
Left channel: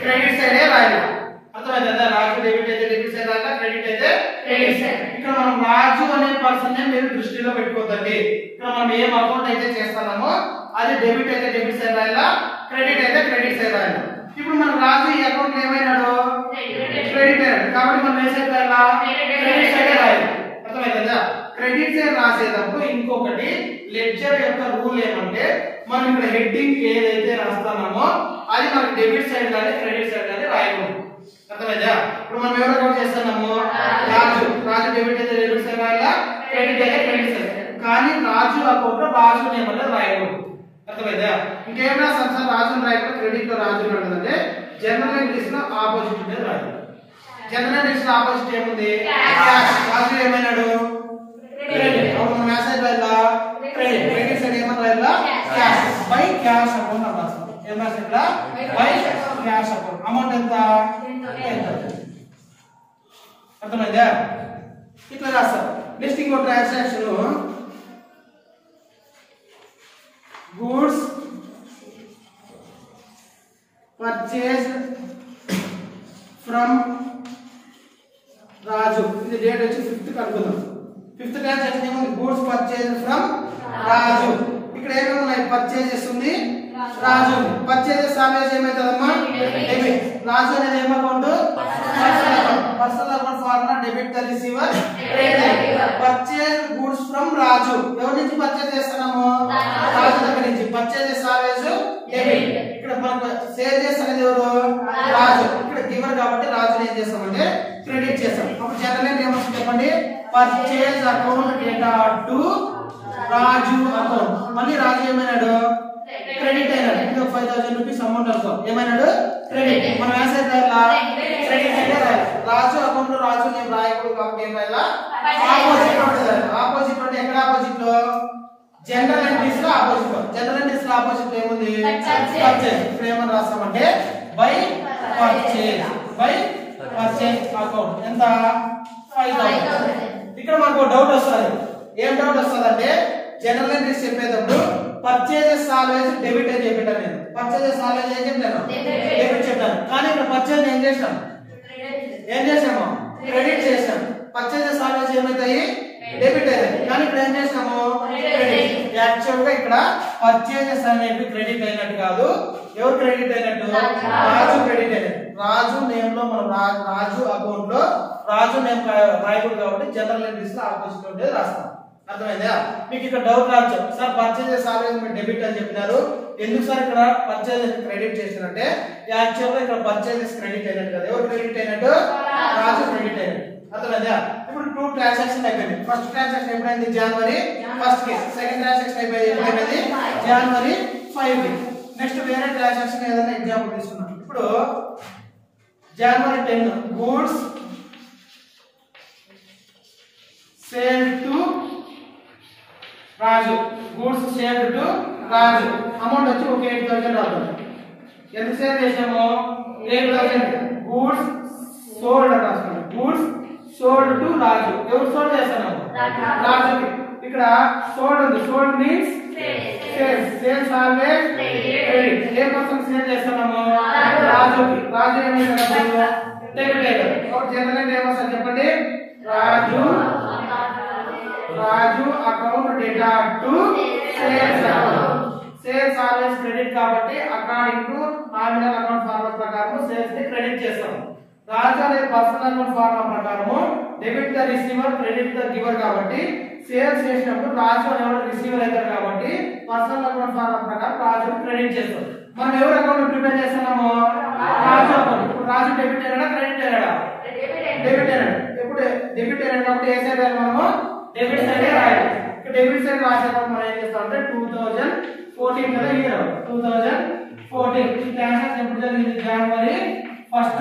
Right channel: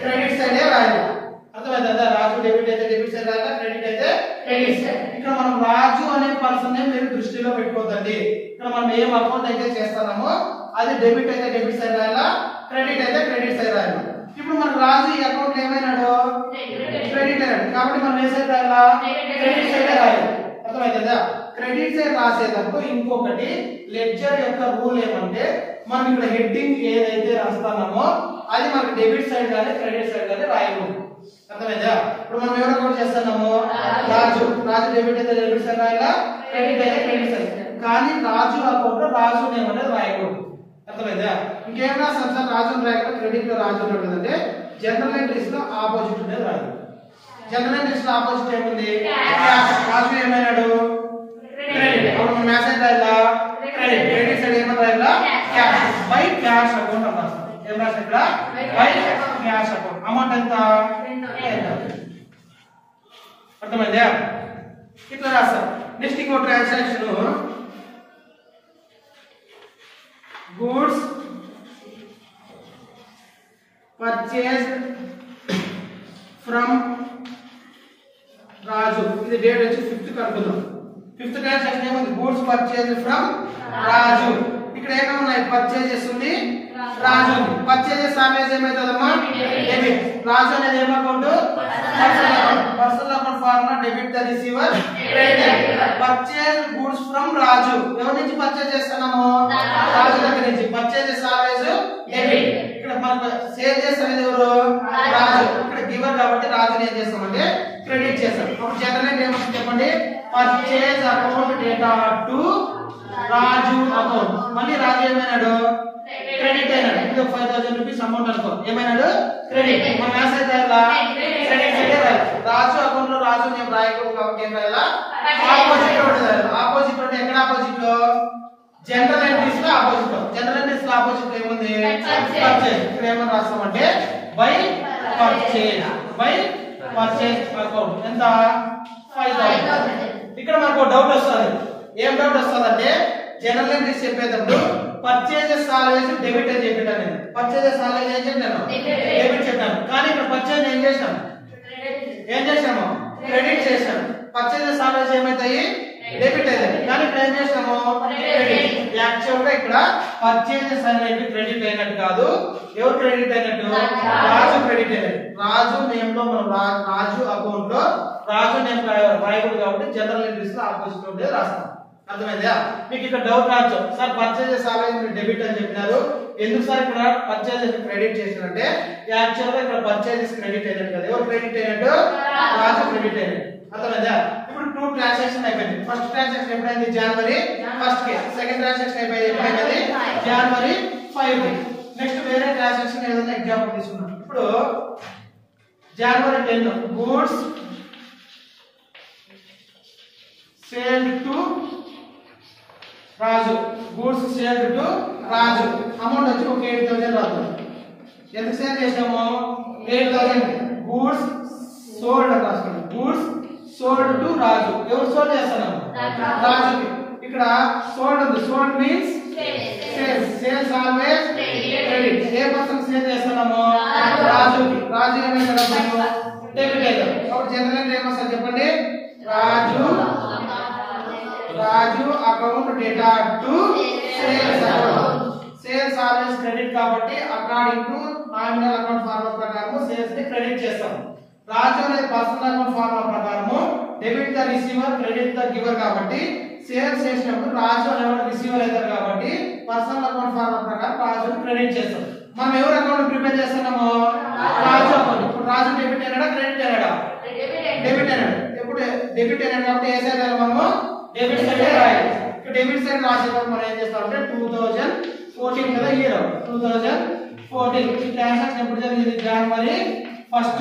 క్రెడిట్ సైడే రాయాలి. అర్థమైందా? రాజు డెబిట్ అయితే డెబిట్ సైడ్ రాయాలి, క్రెడిట్ అయితే క్రెడిట్ సైడ్. ఇక్కడ మనం రాజు అనే పర్సన్ ని మీరు దృష్టిలో పెట్టుకోవద్దండి. ఇక్కడ మనం ఏం అకౌంట్ అయితే చేస్తున్నామో అది డెబిట్ అయితే డెబిట్ సైడ్ రాయాలా, క్రెడిట్ అయితే క్రెడిట్ సైడ్ రాయాలి. ఇప్పుడు మనం రాజు ఈ అకౌంట్ ఏమైనాడు? క్రెడిట్ అయినాడు. కాబట్టి మనం ఏం సైడ్ రాయాలా? క్రెడిట్ సైడ్ రాయాలి. అర్థమైందా? క్రెడిట్ సైడ్ రాసేటప్పుడు ఇంకొకటి లెడ్జర్ యొక్క రూల్ ఏమంటే మనం ఇక్కడ హెడ్డింగ్ ఏదైతే రాస్తామో అది మనకి డెబిట్ సైడ్ కానీ క్రెడిట్ సైడ్ కానీ రాయకూడదు. అర్థమైందా? ఇప్పుడు మనం ఎవరు అకౌంట్ చేస్తున్నాము? రాజు. రాజు డెబిట్ అయితే డెబిట్ సైడ్ రాయాలా, క్రెడిట్ అయితే క్రెడిట్ సైడ్. కానీ రాజు అకౌంట్ లో రాజు నేమ్ అనేది రాయకూడదు. అర్థమైందా? ఇంకేమైనా సంస్థ రాజుని రాయకుండా క్రెడిట్ లో రాజు ఉంటుందంటే జనరల్ ఇంగ్లీష్ లో ఆపోజిట్ అనేది రాయాలి. జనరల్ ఇంగ్లీష్ లో ఆపోజిట్ ఏముంది? క్యాష్. రాజు ఏమైనాడు? క్రెడిట్. అప్పుడు మనం మెసేజ్ రాయాలా? క్రెడిట్. క్రెడిట్ సైడ్ ఏమని రాయాలా? క్యాష్. బై క్యాష్ అకౌంట్ అంటారు. ఏం రాస్తారు ఇక్కడ? By cash account. అమౌంట్ ఎంత? అర్థమైందా? ఇట్లా రాస్తారు. నెక్స్ట్ ఇంకో transaction goods purchased from Raju. ఇది డేట్ వచ్చి 5th అనుకుందాం. 5th ట్రాన్సాక్షన్ ఏముంది? Goods purchased from Raju. ఇక్కడ ఏమేమి ఉన్నాయి? పర్చేజెస్ ఉంది, రాజు. పర్చేజెస్ ఆల్వేస్ ఏమవుతుందమ్మా? డెబిట్. రాజు అనేది ఏం account? Personal account formula debit the receiver credit. Purchase goods from Raju. ఎవరి నుంచి పర్చేజ్ చేస్తున్నాము? రాజు దగ్గర నుంచి. Purchases always debit. ఇక్కడ మనకు సేల్స్ అనేది ఎవరు? రాజు. ఇక్కడ గివర్ కాబట్టి రాజుని ఏం చేస్తామంటే క్రెడిట్ చేస్తాం. అప్పుడు జనరల్ ఏం వస్తుంది చెప్పండి? Purchase account data to Raju account. మళ్ళీ రాజు ఏమైనాడు? క్రెడిట్ అయినాడు. ఇంకా 5000 రూపీస్ అమౌంట్ అనుకో. ఏమైనాడు? క్రెడిట్. మనం మెసేజ్ రాయాలా? క్రెడిట్ అయితే రాయాలి. రాజు అకౌంట్ లో రాజు నేమ్ రాయకూడదు కాబట్టి ఏం రాయాలా? ఆపోజిట్ లో ఉంటుంది. ఆపోజిట్ అంటే ఎక్కడ ఆపోజిట్ లో? జనరల్ ఎంట్రీస్ లో ఆపోజిట్ లో. జనరల్ ఎంట్రీస్ లో ఆపోజిట్ లో ఏముంది? పర్చేజ్. ఇక్కడ ఏమని రాస్తామంటే by purchase. By purchase account. ఎంత? 5000. ఇక్కడ మనకు డౌట్ వస్తుంది. ఏం డౌట్ వస్తుందంటే జనరల్ ఎంట్రీస్ చెప్పేటప్పుడు పర్చేజెస్ ఆల్వేస్ డెబిట్ అని చెప్పాను నేను. పర్చేజెస్ ఆల్వేస్ ఏం చెప్పాను? డెబిట్ చెప్పాను. కానీ ఇక్కడ పర్చేజ్ ఏం చేసాం? ఏం చేసాము? క్రెడిట్ చేసాం. Purchases always ఏమైతాయి? డెబిట్ అయ్యాయి. కానీ ఇక్కడ ఏం చేసాము? క్రెడిట్. యాక్చువల్ గా ఇక్కడ పర్చేజెస్ అనేవి క్రెడిట్ అయినట్టు కాదు. ఎవరు క్రెడిట్ అయినట్టు? రాజు క్రెడిట్ అయినట్టు. రాజు నేమ్ లో మనం రాజు అకౌంట్ లో రాజు నేమ్ రాయకూడదు కాబట్టి జనరల్ ఎంట్రీస్ లో ఆపోజిట్ ఉండేది రాస్తాం. అర్థమైందా? మీకు ఇక్కడ డౌట్ రావచ్చు, సార్ పర్చేజెస్ ఆల్వేస్ మీరు డెబిట్ అని చెప్పినారు, ఎందుకు సార్ ఇక్కడ పర్చేజెస్ క్రెడిట్ చేశారంటే యాక్చువల్ గా ఇక్కడ పర్చేజెస్ క్రెడిట్ అయినట్టు కదా. ఎవరు క్రెడిట్ అయినట్టు? రాజు క్రెడిట్ అయినట్టు. అర్థమైందా? ఇప్పుడు 2 ట్రాన్సాక్షన్ అయిపోయింది. First transaction ఎప్పుడైంది? జనవరి 1st కి. సెకండ్ ట్రాన్సాక్షన్ అయిపోయింది జనవరి 5 కి. నెక్స్ట్ వేరే ట్రాన్సాక్షన్ ఏదైనా ఎగ్జాంపుల్ తీసుకున్నాం. ఇప్పుడు జనవరి 10 goods sealed to Raju. Goods sealed to Raju. Amount వచ్చి ఒక 8000 రాదు. ఎంత సేల్ చేసాము? 8000. గూడ్స్ సోల్డ్ అని రాస్తున్నాం. Goods sold to Raju. ఎవరు సోల్డ్ చేస్తున్నాము? రాజుకి. ఇక్కడ సోల్డ్ ఉంది. Sold means sales. Sales always credit. ఏ పర్సన్ సేల్ చేస్తున్నాము? రాజుకి. రాజు ఏమైనా డెబిట్ అయ్యారు. కాబట్టి జనరల్ ఏమొస్తారు చెప్పండి? Raju account data to sales account. Sales always credit Raju అనేది పర్సనల్ అకౌంట్ ఫార్ములా ప్రకారము debit the receiver credit the giver కాబట్టి సేల్స్ చేసినప్పుడు రాజు అనేవాడు రిసీవర్ అవుతారు కాబట్టి పర్సనల్ అకౌంట్ ఫార్ములా ప్రకారం రాజు క్రెడిట్ చేస్తాం. మనం ఎవరు అకౌంట్ ప్రిపేర్ చేస్తున్నాము? రాజు అకౌంట్. ఇప్పుడు రాజు డెబిట్ అయినాడా క్రెడిట్ అయినాడా? డెబిట్ అయినాడు. ఇప్పుడు డెబిట్ అయినాడు కాబట్టి ఏ సైడ్ మనము డెబిట్ సైడ్ రాయాలి. డెబిట్ సైడ్ రాసేటప్పుడు మనం ఏం చేస్తామంటే 2014 కదా ఇయర్ 2014 ఈ ట్రాన్సాక్షన్ ఎప్పుడు జరిగింది? జనవరి 1st.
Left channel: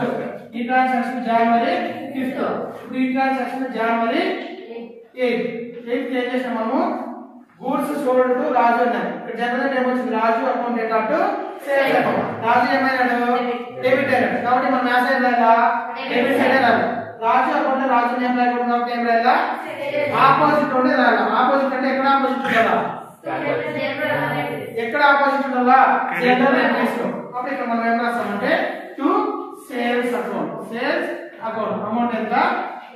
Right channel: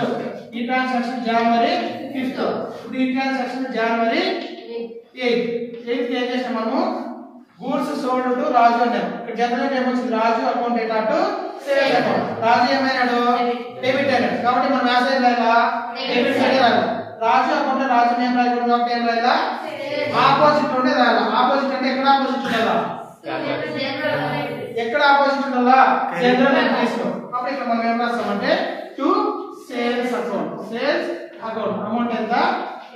ఈ ట్రాన్సాక్షన్ జనవరి 5th. ఇప్పుడు ఈ ట్రాన్సాక్షన్ జనవరి 8th ఏం చేసాం మనము? గూడ్స్ సోల్డ్ టు రాజు అన్నాం. ఇక్కడ జనరల్ ఏం వచ్చింది? Raju account data to sales account. Raju ఏమైనాడు? డెబిట్ అయినాడు కాబట్టి మనం ఆ సైడ్ రాయాలా? డెబిట్ సైడ్ రాయాలి. రాజు అకౌంట్ రాజు నేమ్ రాయకూడదు కాబట్టి ఏం రాయాలా? ఆపోజిట్ ఉండే రాయాలి. ఆపోజిట్ అంటే ఎక్కడ ఆపోజిట్ ఉండాలా? ఎక్కడ ఆపోజిట్ ఉండాలా? జనరల్ ఎంట్రీస్ లో. అప్పుడు ఇక్కడ మనం ఏం రాస్తామంటే to sales account. Sales account amount ఎంత?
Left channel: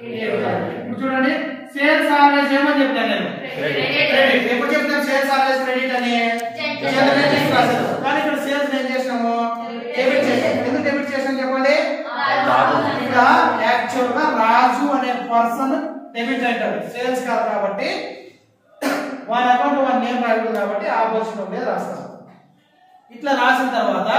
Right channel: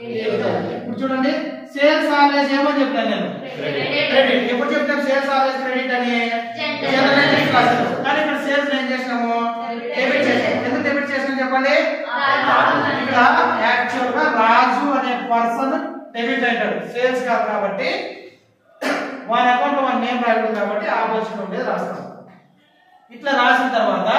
8,000. ఇప్పుడు చూడండి సేల్స్ ఆల్వేస్ ఏమని చెప్తాను నేను? క్రెడిట్. ఎప్పుడు చెప్తాను సేల్స్ ఆల్వేస్ క్రెడిట్ అని? జనరల్ ఎంట్రీస్ రాశారు. కానీ ఇక్కడ సేల్స్ ఏం చేసాము? డెబిట్ చేసాము. ఎందుకు డెబిట్ చేసాం చెప్పండి? ఇక్కడ యాక్చువల్ గా రాజు అనే పర్సన్ డెబిట్ అంటాడు, సేల్స్ కాదు కాబట్టి వారి అకౌంట్ వారి నేమ్ రాయకూడదు కాబట్టి ఆపోజిట్ ఉండేది రాస్తాం. ఇట్లా రాసిన తర్వాత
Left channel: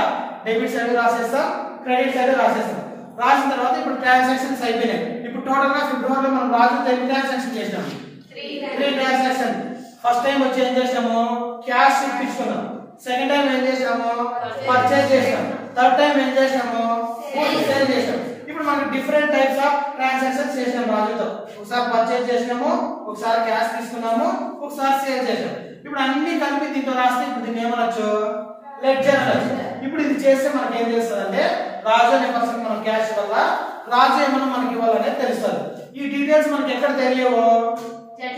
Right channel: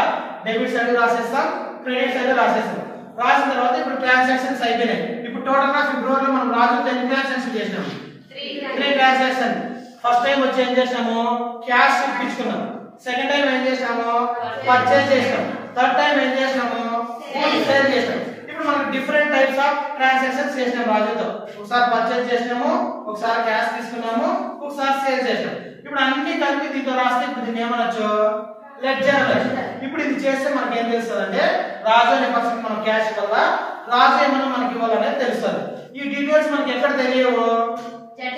డెబిట్ సైడ్ రాసేస్తాం, క్రెడిట్ సైడ్ రాసేస్తాం. రాసిన తర్వాత ఇప్పుడు ట్రాన్సాక్షన్స్ అయిపోయినాయి. ఇప్పుడు టోటల్ గా ఫిబ్రవరిలో మనం రాజు ఎన్ని ట్రాన్సాక్షన్ చేసినాము? 3 ట్రాన్సాక్షన్. ఫస్ట్ టైం వచ్చి ఏం చేసాము? క్యాష్ ఇప్పించుకున్నాం. సెకండ్ టైం ఏం చేసాము? పర్చేజ్ చేసాం. థర్డ్ టైం ఏం చేసాము? సేల్ చేసాం. ఇప్పుడు మనం డిఫరెంట్ టైప్స్ ఆఫ్ ట్రాన్సాక్షన్స్ చేసినాం రాజుతో. ఒకసారి పర్చేజ్ చేసినాము, ఒకసారి క్యాష్ తీసుకున్నాము, ఒకసారి సేల్ చేసాం. ఇప్పుడు అన్ని కలిపి దీంతో రాస్తే ఇప్పుడు దీన్ని ఏమనొచ్చు? లెడ్జర్ అనొచ్చు. ఇప్పుడు ఇది చేస్తే మనకి ఏం తెలుస్తుందంటే రాజు అనే పర్సన్ మనం క్యాష్ వల్ల రాజు ఏమన్నా మనకి ఇవ్వాలనేది తెలుస్తుంది. ఈ డీటెయిల్స్ మనకి ఎక్కడ తెలియవు?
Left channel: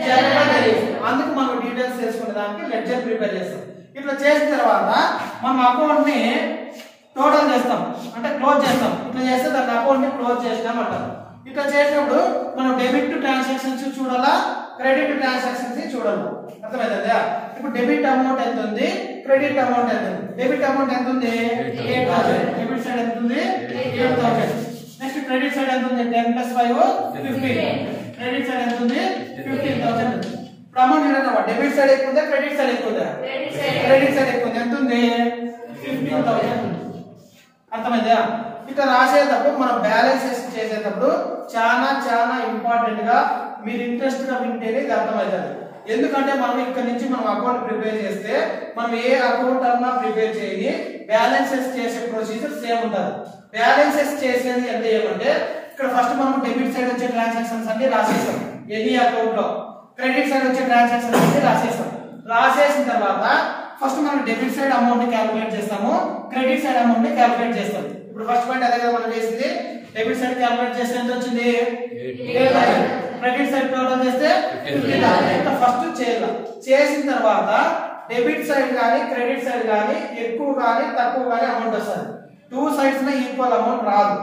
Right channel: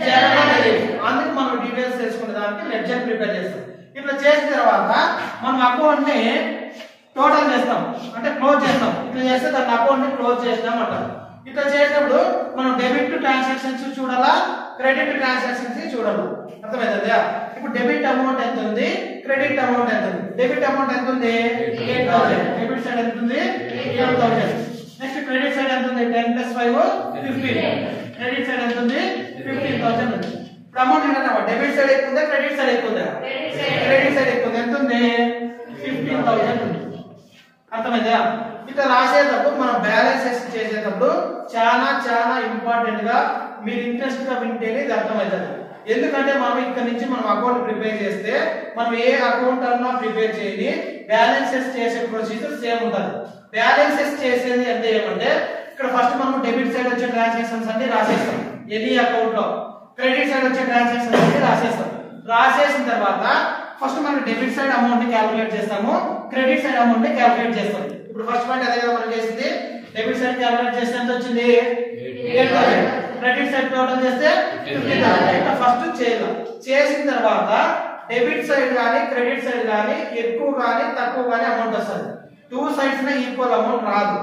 జనరల్ తెలియదు. అందుకు మనం డీటెయిల్స్ తెలుసుకునే దానికి లెడ్జర్ ప్రిపేర్ చేస్తాం. ఇట్లా చేసిన తర్వాత మనం అకౌంట్ ని టోటల్ చేస్తాం, అంటే క్లోజ్ చేస్తాం. ఇట్లా చేస్తే దాని అకౌంట్ ని క్లోజ్ చేసినాం అంటారు. ఇట్లా చేసినప్పుడు మనం డెబిట్ ట్రాన్సాక్షన్స్ చూడాలా, క్రెడిట్ ట్రాన్సాక్షన్స్ చూడాలి. అర్థమైందా? ఇప్పుడు డెబిట్ అమౌంట్ ఎంత ఉంది, క్రెడిట్ అమౌంట్ ఎంత ఉంది? డెబిట్ అమౌంట్ ఎంత ఉంది? 8,000. డెబిట్ సైడ్ ఎంత ఉంది? 8,000. నెక్స్ట్ క్రెడిట్ సైడ్ ఎంత ఉంది? 10 + 5 15. క్రెడిట్ సైడ్ ఎంత ఉంది? 15,000 ఉంది. ఇప్పుడు అమౌంట్ ఏంటంటే డెబిట్ సైడ్ ఎక్కువ ఉందా, క్రెడిట్ సైడ్ ఎక్కువ ఉందా? క్రెడిట్ సైడ్ ఎక్కువ ఉంది. ఎంత ఉంది? 15,000 ఉంది. అర్థమైందా? ఇట్లా రాసేటప్పుడు మనం బ్యాలెన్సెస్ చేసేటప్పుడు చాలా చాలా ఇంపార్టెంట్ గా మీరు ఇంట్రెస్ట్ గా వింటేనే ఇది అర్థమవుతుంది. ఎందుకంటే మనం ఇక్కడ నుంచి మనం అకౌంట్ ప్రిపేర్ చేస్తే మనం ఏ అకౌంట్ అన్నా ప్రిపేర్ చేయాలి, బ్యాలెన్సెస్ చేసే ప్రొసీజర్ సేమ్ ఉంటుంది. బ్యాలెన్సెస్ చేసేది అంటే ఏమంటే ఇక్కడ ఫస్ట్ మనం డెబిట్ సైడ్ వచ్చే ట్రాన్సాక్షన్స్ అన్ని రాసేస్తాం ఎనీ అకౌంట్ లో, క్రెడిట్ సైడ్ వచ్చే ట్రాన్సాక్షన్స్ అన్ని రాసేస్తాం. రాసేసిన తర్వాత ఫస్ట్ మనం డెబిట్ సైడ్ అమౌంట్ ని క్యాలిక్యులేట్ చేస్తాము, క్రెడిట్ సైడ్ అమౌంట్ ని క్యాలిక్యులేట్ చేస్తాం. ఇప్పుడు ఫస్ట్ పాయింట్ అదే కదా మనం చేసింది. డెబిట్ సైడ్ క్యాలిక్యులేట్ చేస్తే ఎంత వచ్చింది? 8,000. క్రెడిట్ సైడ్ టోటల్ చేస్తే 15,000. ఫస్ట్ చేయాలి. చేసిన తర్వాత డెబిట్ సైడ్ గానీ క్రెడిట్ సైడ్ గానీ ఎక్కువ గానీ తక్కువ గానీ అమౌంట్ వస్తుంది. 2 సైడ్స్ నే ఈక్వల్ అమౌంట్ రాదు.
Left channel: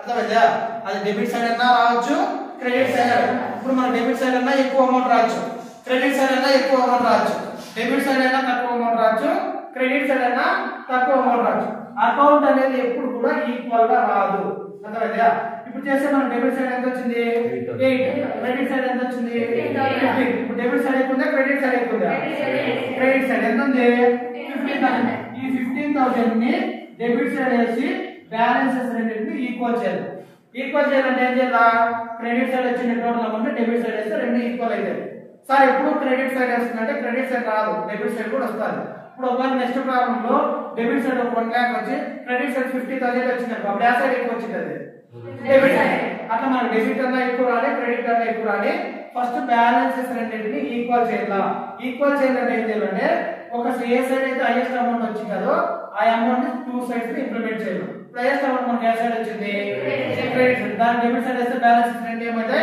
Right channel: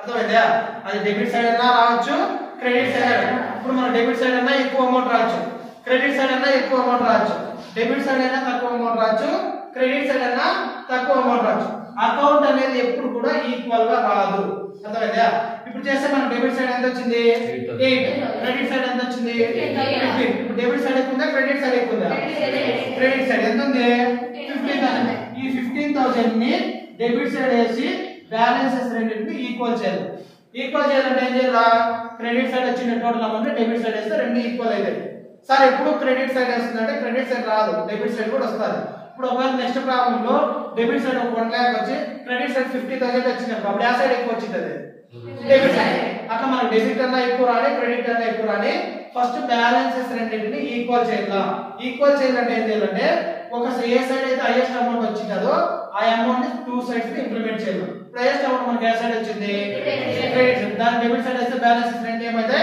అర్థమైందా? అది డెబిట్ సైడ్ అన్నా రావచ్చు, క్రెడిట్ సైడ్. ఇప్పుడు మన డెబిట్ సైడ్ అన్నా ఎక్కువ అమౌంట్ రావచ్చు, క్రెడిట్ సైడ్ అన్నా ఎక్కువ అమౌంట్ రావచ్చు. డెబిట్ సైడ్ అయినా తక్కువ అమౌంట్ రావచ్చు, క్రెడిట్ సైడ్ అయినా తక్కువ అమౌంట్ రావచ్చు. అకౌంట్ అనేది ఎప్పుడు కూడా ఈక్వల్ గా రాదు. అర్థమైందా? ఇప్పుడు చేస్తే మనం డెబిట్ సైడ్ ఎంత వచ్చింది? 8. క్రెడిట్ సైడ్ ఎంత వచ్చింది? 15. ఇప్పుడు డెబిట్ సైడ్ ఎక్కువ ఉందా, క్రెడిట్ సైడ్ ఎక్కువ ఉందా? క్రెడిట్ సైడ్ ఎంత ఉంది? 15,000. ఈ 15,000 ని డెబిట్ సైడ్ వేసి బ్యాలెన్సెస్ రెండింటిని ఈక్వల్ చేయాలి. ఈక్వల్ చేయాలంటే ఏం చేయాలా? క్రెడిట్ సైడ్ వచ్చిన టోటల్ అమౌంట్ డెబిట్ సైడ్ వేస్తే రెండు ఈక్వల్ అవుతాయి. సార్ ఎప్పుడు క్రెడిట్ సైడ్ వస్తుందంటే క్రెడిట్ సైడ్ రాదు, డెబిట్ సైడ్ కూడా వస్తుంది. ఇప్పుడు ఒకవేళ నెక్స్ట్ ప్రాబ్లం లో డెబిట్ సైడ్ ఒక 1 lakh వచ్చి క్రెడిట్ సైడ్ 50,000 వచ్చినప్పుడు అప్పుడు ఆ సైడ్ ఎక్కువ వచ్చింది, అది డెబిట్ సైడ్. అట్లా మనం డెబిట్ అన్నా ఎక్కువ రాని, క్రెడిట్ అన్నా ఎక్కువ రాని, ఫస్ట్ బ్యాలెన్సెస్ రెండింటిని ఈక్వల్ చేయాలి. ఈక్వల్ చేయాలంటే ఏం చేయాలంటే ఒక ఏ సైడ్ అయితే హైయెస్ట్ అమౌంట్ వచ్చిందో ఆ అమౌంట్ ని 2 సైడ్స్ కి ఇంప్లిమెంట్ చేయాలి. ఇప్పుడు హైయెస్ట్ అమౌంట్ మనకి ఏ సైడ్ వచ్చింది? Credit side. దాని డెబిట్ సైడ్ అయితే బ్యాలెన్సెస్ రెండు ఏమైతే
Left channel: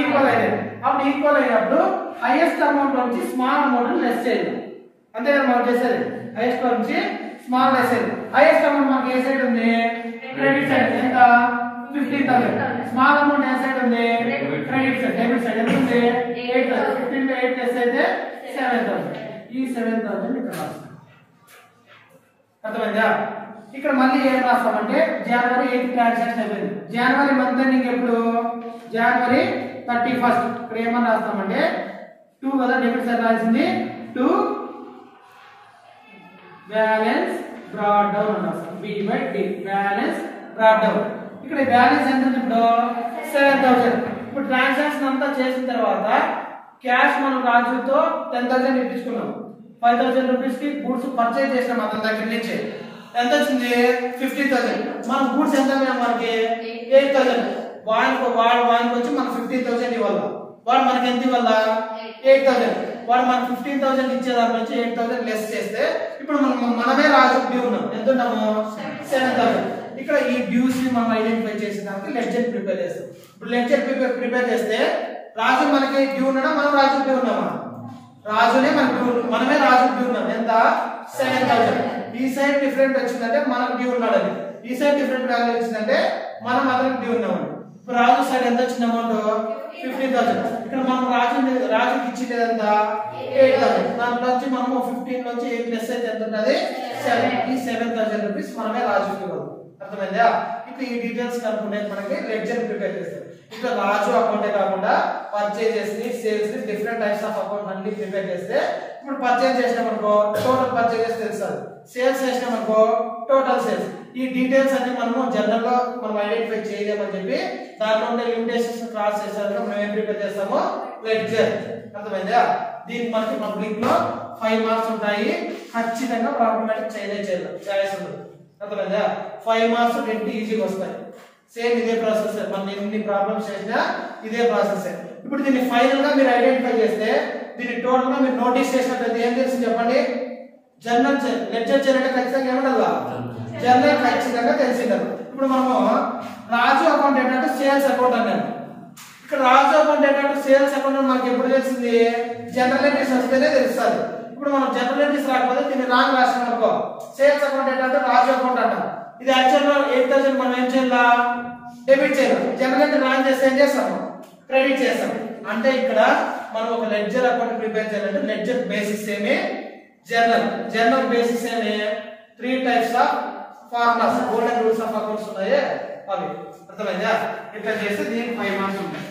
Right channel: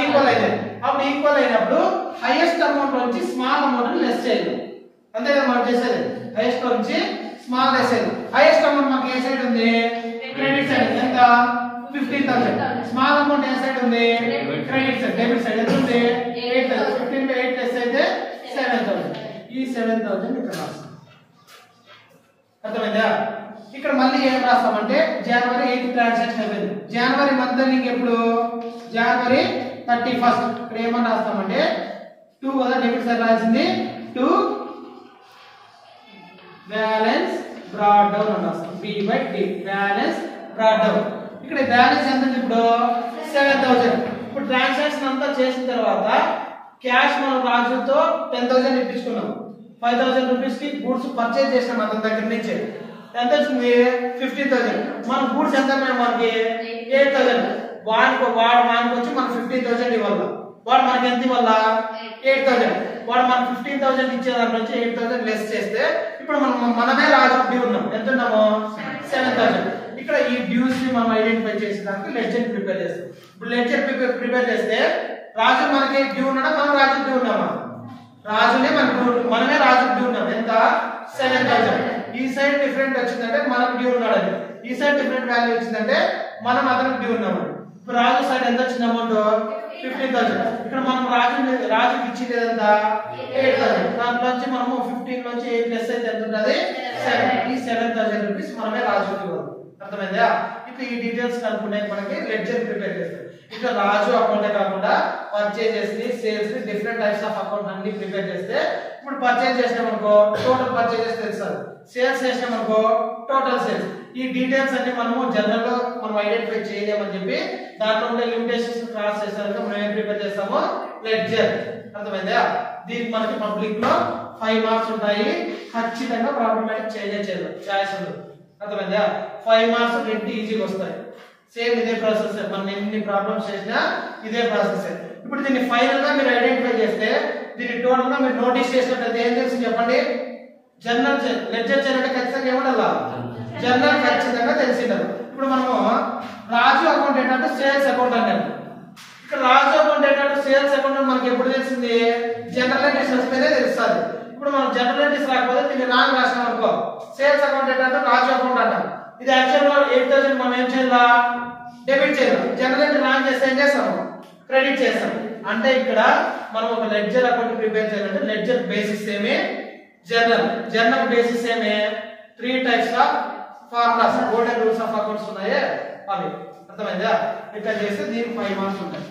ఈక్వల్ అయితే అప్పుడు ఈక్వల్ అయినప్పుడు హైయెస్ట్ అమౌంట్ నుంచి స్మాల్ అమౌంట్ లెస్ చేయాలి. అంతే కదా మనం చేసేది. హైయెస్ట్ నుంచి స్మాల్ లెస్ చేయాలి. హైయెస్ట్ అమౌంట్ మనకి ఏ సైడ్ ఉంది? Credit side. ఎంత? 15,000. స్మాల్ అమౌంట్ ఏ సైడ్ ఉంది? Credit side. డెబిట్ సైడ్ ఎంత ఉంది? 8,000. 15 కి 8 లెస్ అయితే 7,000. ఈ 7,000 ఇక్కడ రాస్తాం. అర్థమైందా? ఇక్కడ మళ్ళీ ఏం రాస్తామంటే జనవరి 8 ట్రాన్సాక్షన్ అయిపోయింది. జనవరి మంత్ ఎండింగ్ ఎప్పుడు? జనవరి 31. ఇక్కడ ఏమని రాస్తామంటే 2 కదా డెబిట్ సైడ్ రాసింది 2 బ్యాలెన్స్ బ్రాట్ డౌన్ అని రాస్తాం. B/D balance brought down. ఇక్కడ బ్యాలెన్స్ ఎంత ఉంది ఇప్పుడు? 7000. ఇప్పుడు ట్రాన్సాక్షన్ అంతా చేసిన తర్వాత క్యాష్ మనం రాజుతో 10,000 ఇప్పించుకున్నాం. 5,000 రూపీస్ కి గూడ్స్ పర్చేజ్ చేసినాం అతని దగ్గర నుంచి. ఎంత వచ్చింది? 15,000. మన గూడ్స్ ఎంత మనకి 8,000. వాడికి వచ్చి మనం 15,000 ఇవ్వాలి. వాడు మనకి ఎంత ఇవ్వాలా? 8,000. వాడు మనం 15,000 ఇచ్చే దాంట్లో నుంచి 8,000 లెస్ చేస్తే ఇప్పుడు మనమే రాజు డ్యూ ఉన్నాం. ఎంత ఉన్నాము? 7,000. ఇక్కడ ఈ డ్యూస్ ని మనం ఐడెంటిఫై చేసేదానికి లెడ్జర్ ప్రిపేర్ చేస్తాం. ఇప్పుడు లెడ్జర్ ప్రిపేర్ చేస్తే రాజు మనకి డ్యూ ఉన్నాడా? మనం రాజు డ్యూ ఉన్నామా? రాజునే మనమే రాజు డ్యూ ఉన్నాం. ఎంత? 7,000. ఈ సైడ్ డిఫరెంట్ వచ్చిందంటే మనం డ్యూ ఉన్నాడని, ఈ సైడ్ డిఫరెంట్ వాల్యూ వచ్చిందంటే మనం అతనికి డ్యూ ఉన్నామని. ఇప్పుడు రాజు సైడ్ ఎంత వచ్చింది అమౌంట్? 15,000. ఇక్కడ మనం రాజుకి ఇచ్చింది ఎంత? 8,000. దాంట్లో నుంచి మనము 15 నుంచి 8 ప్లస్ అయితే ఎంత ఉంటుంది? 7. ఈ 7,000 రూపీస్ మనమే రాజుకి ఇవ్వాలి. అర్థమైందా? ఇప్పుడు ఈ డీటెయిల్స్ కనుక్కునే మనకి లెడ్జర్ ప్రిపేర్ చేస్తారు. ఇక్కడ రాజు అకౌంటే కాకుండా పర్చేజెస్ ని, సేల్స్ ని, డిఫరెంట్ టైప్స్ ఆఫ్ అకౌంట్ అన్ని ప్రిపేర్ చేస్తే ఇప్పుడు పర్చేజ్ చేసినామనుకో టోటల్ పర్చేజెస్ తెలుస్తుంది, సేల్స్ చేసినామనుకో టోటల్ సేల్స్. ఈ డీటెయిల్స్ అన్ని మనము జనరల్ లో మనం ఐడెంటిఫై చేయలేమని చెప్పి దాంట్లో ఉండే లిమిటేషన్స్ క్రాస్ చేసారంటే మనం ఏం ప్రిపేర్ చేస్తామో లెడ్జర్. అర్థమైందా? దీనికి మనకి పబ్లిక్ లో 5 మార్క్స్ ఉంటాయి. ఖచ్చితంగా ప్రాబ్లమాటిక్ చేయలేదు చాయిస్ ఉంది. అర్థమైందా? 5 మార్క్స్ రెండు ఈజీగా వస్తాయి. సేమ్ ఇదే ప్రాసెస్. మనం ఎన్ని ప్రాబ్లమ్స్ చేసినా ఇదే ప్రాసెస్. ఇప్పుడు దీన్ని ఫైనల్ గా మీరు ఐడెంటిఫై చేస్తే దీన్ని టోటల్ గా మీరు నోటీస్ చేసినట్లయితే ఏం తెలిసి చెప్పండి? జర్నల్ లెడ్జర్ చేయాలంటే ఖచ్చితంగా ఏముండాలా? జర్నల్ ఖచ్చితంగా తెలిసిండాలి. ఇప్పుడు మనము రాజు అకౌంట్ ఏంటంటే సేల్స్ అకౌంట్ అన్నాము. ఇక్కడ రాజు అకౌంట్ ఏంటంటే సేల్స్ అకౌంట్ మనకి ఎప్పుడు తెలిసింది? జనరల్ ఎంట్రీస్ వస్తేనే తెలుస్తుంది. ఇప్పుడు మనం జనరల్ ఎంట్రీస్ రాకపోతే దీన్ని రాంగ్ రాసినాం అనుకో సేల్స్ అకౌంట్ ఏంటంటే రాజు అకౌంట్ అంటాం. ఇది యాక్చువల్ గా 8,000 మనం ఏం చేయాలా? డెబిట్ చేయాలి. జనరల్ ఎంట్రీ రాంగ్ చేస్తే ఏం చేస్తాము? క్రెడిట్ చేస్తాం. అంటే ఇక్కడ మనం ఒక లెడ్జర్ అకౌంట్ ప్రిపేర్ చేయాలంటే లెడ్జర్ బేసిస్ ఏమే జర్నల్ బేసిస్ ఏమే 3 types of formulas, golden rules of accounts ఉన్నాయి అవి. అర్థమైందా? ఇట్లా చేస్తే దీనికి 5 మార్క్స్ ఉంటాయి.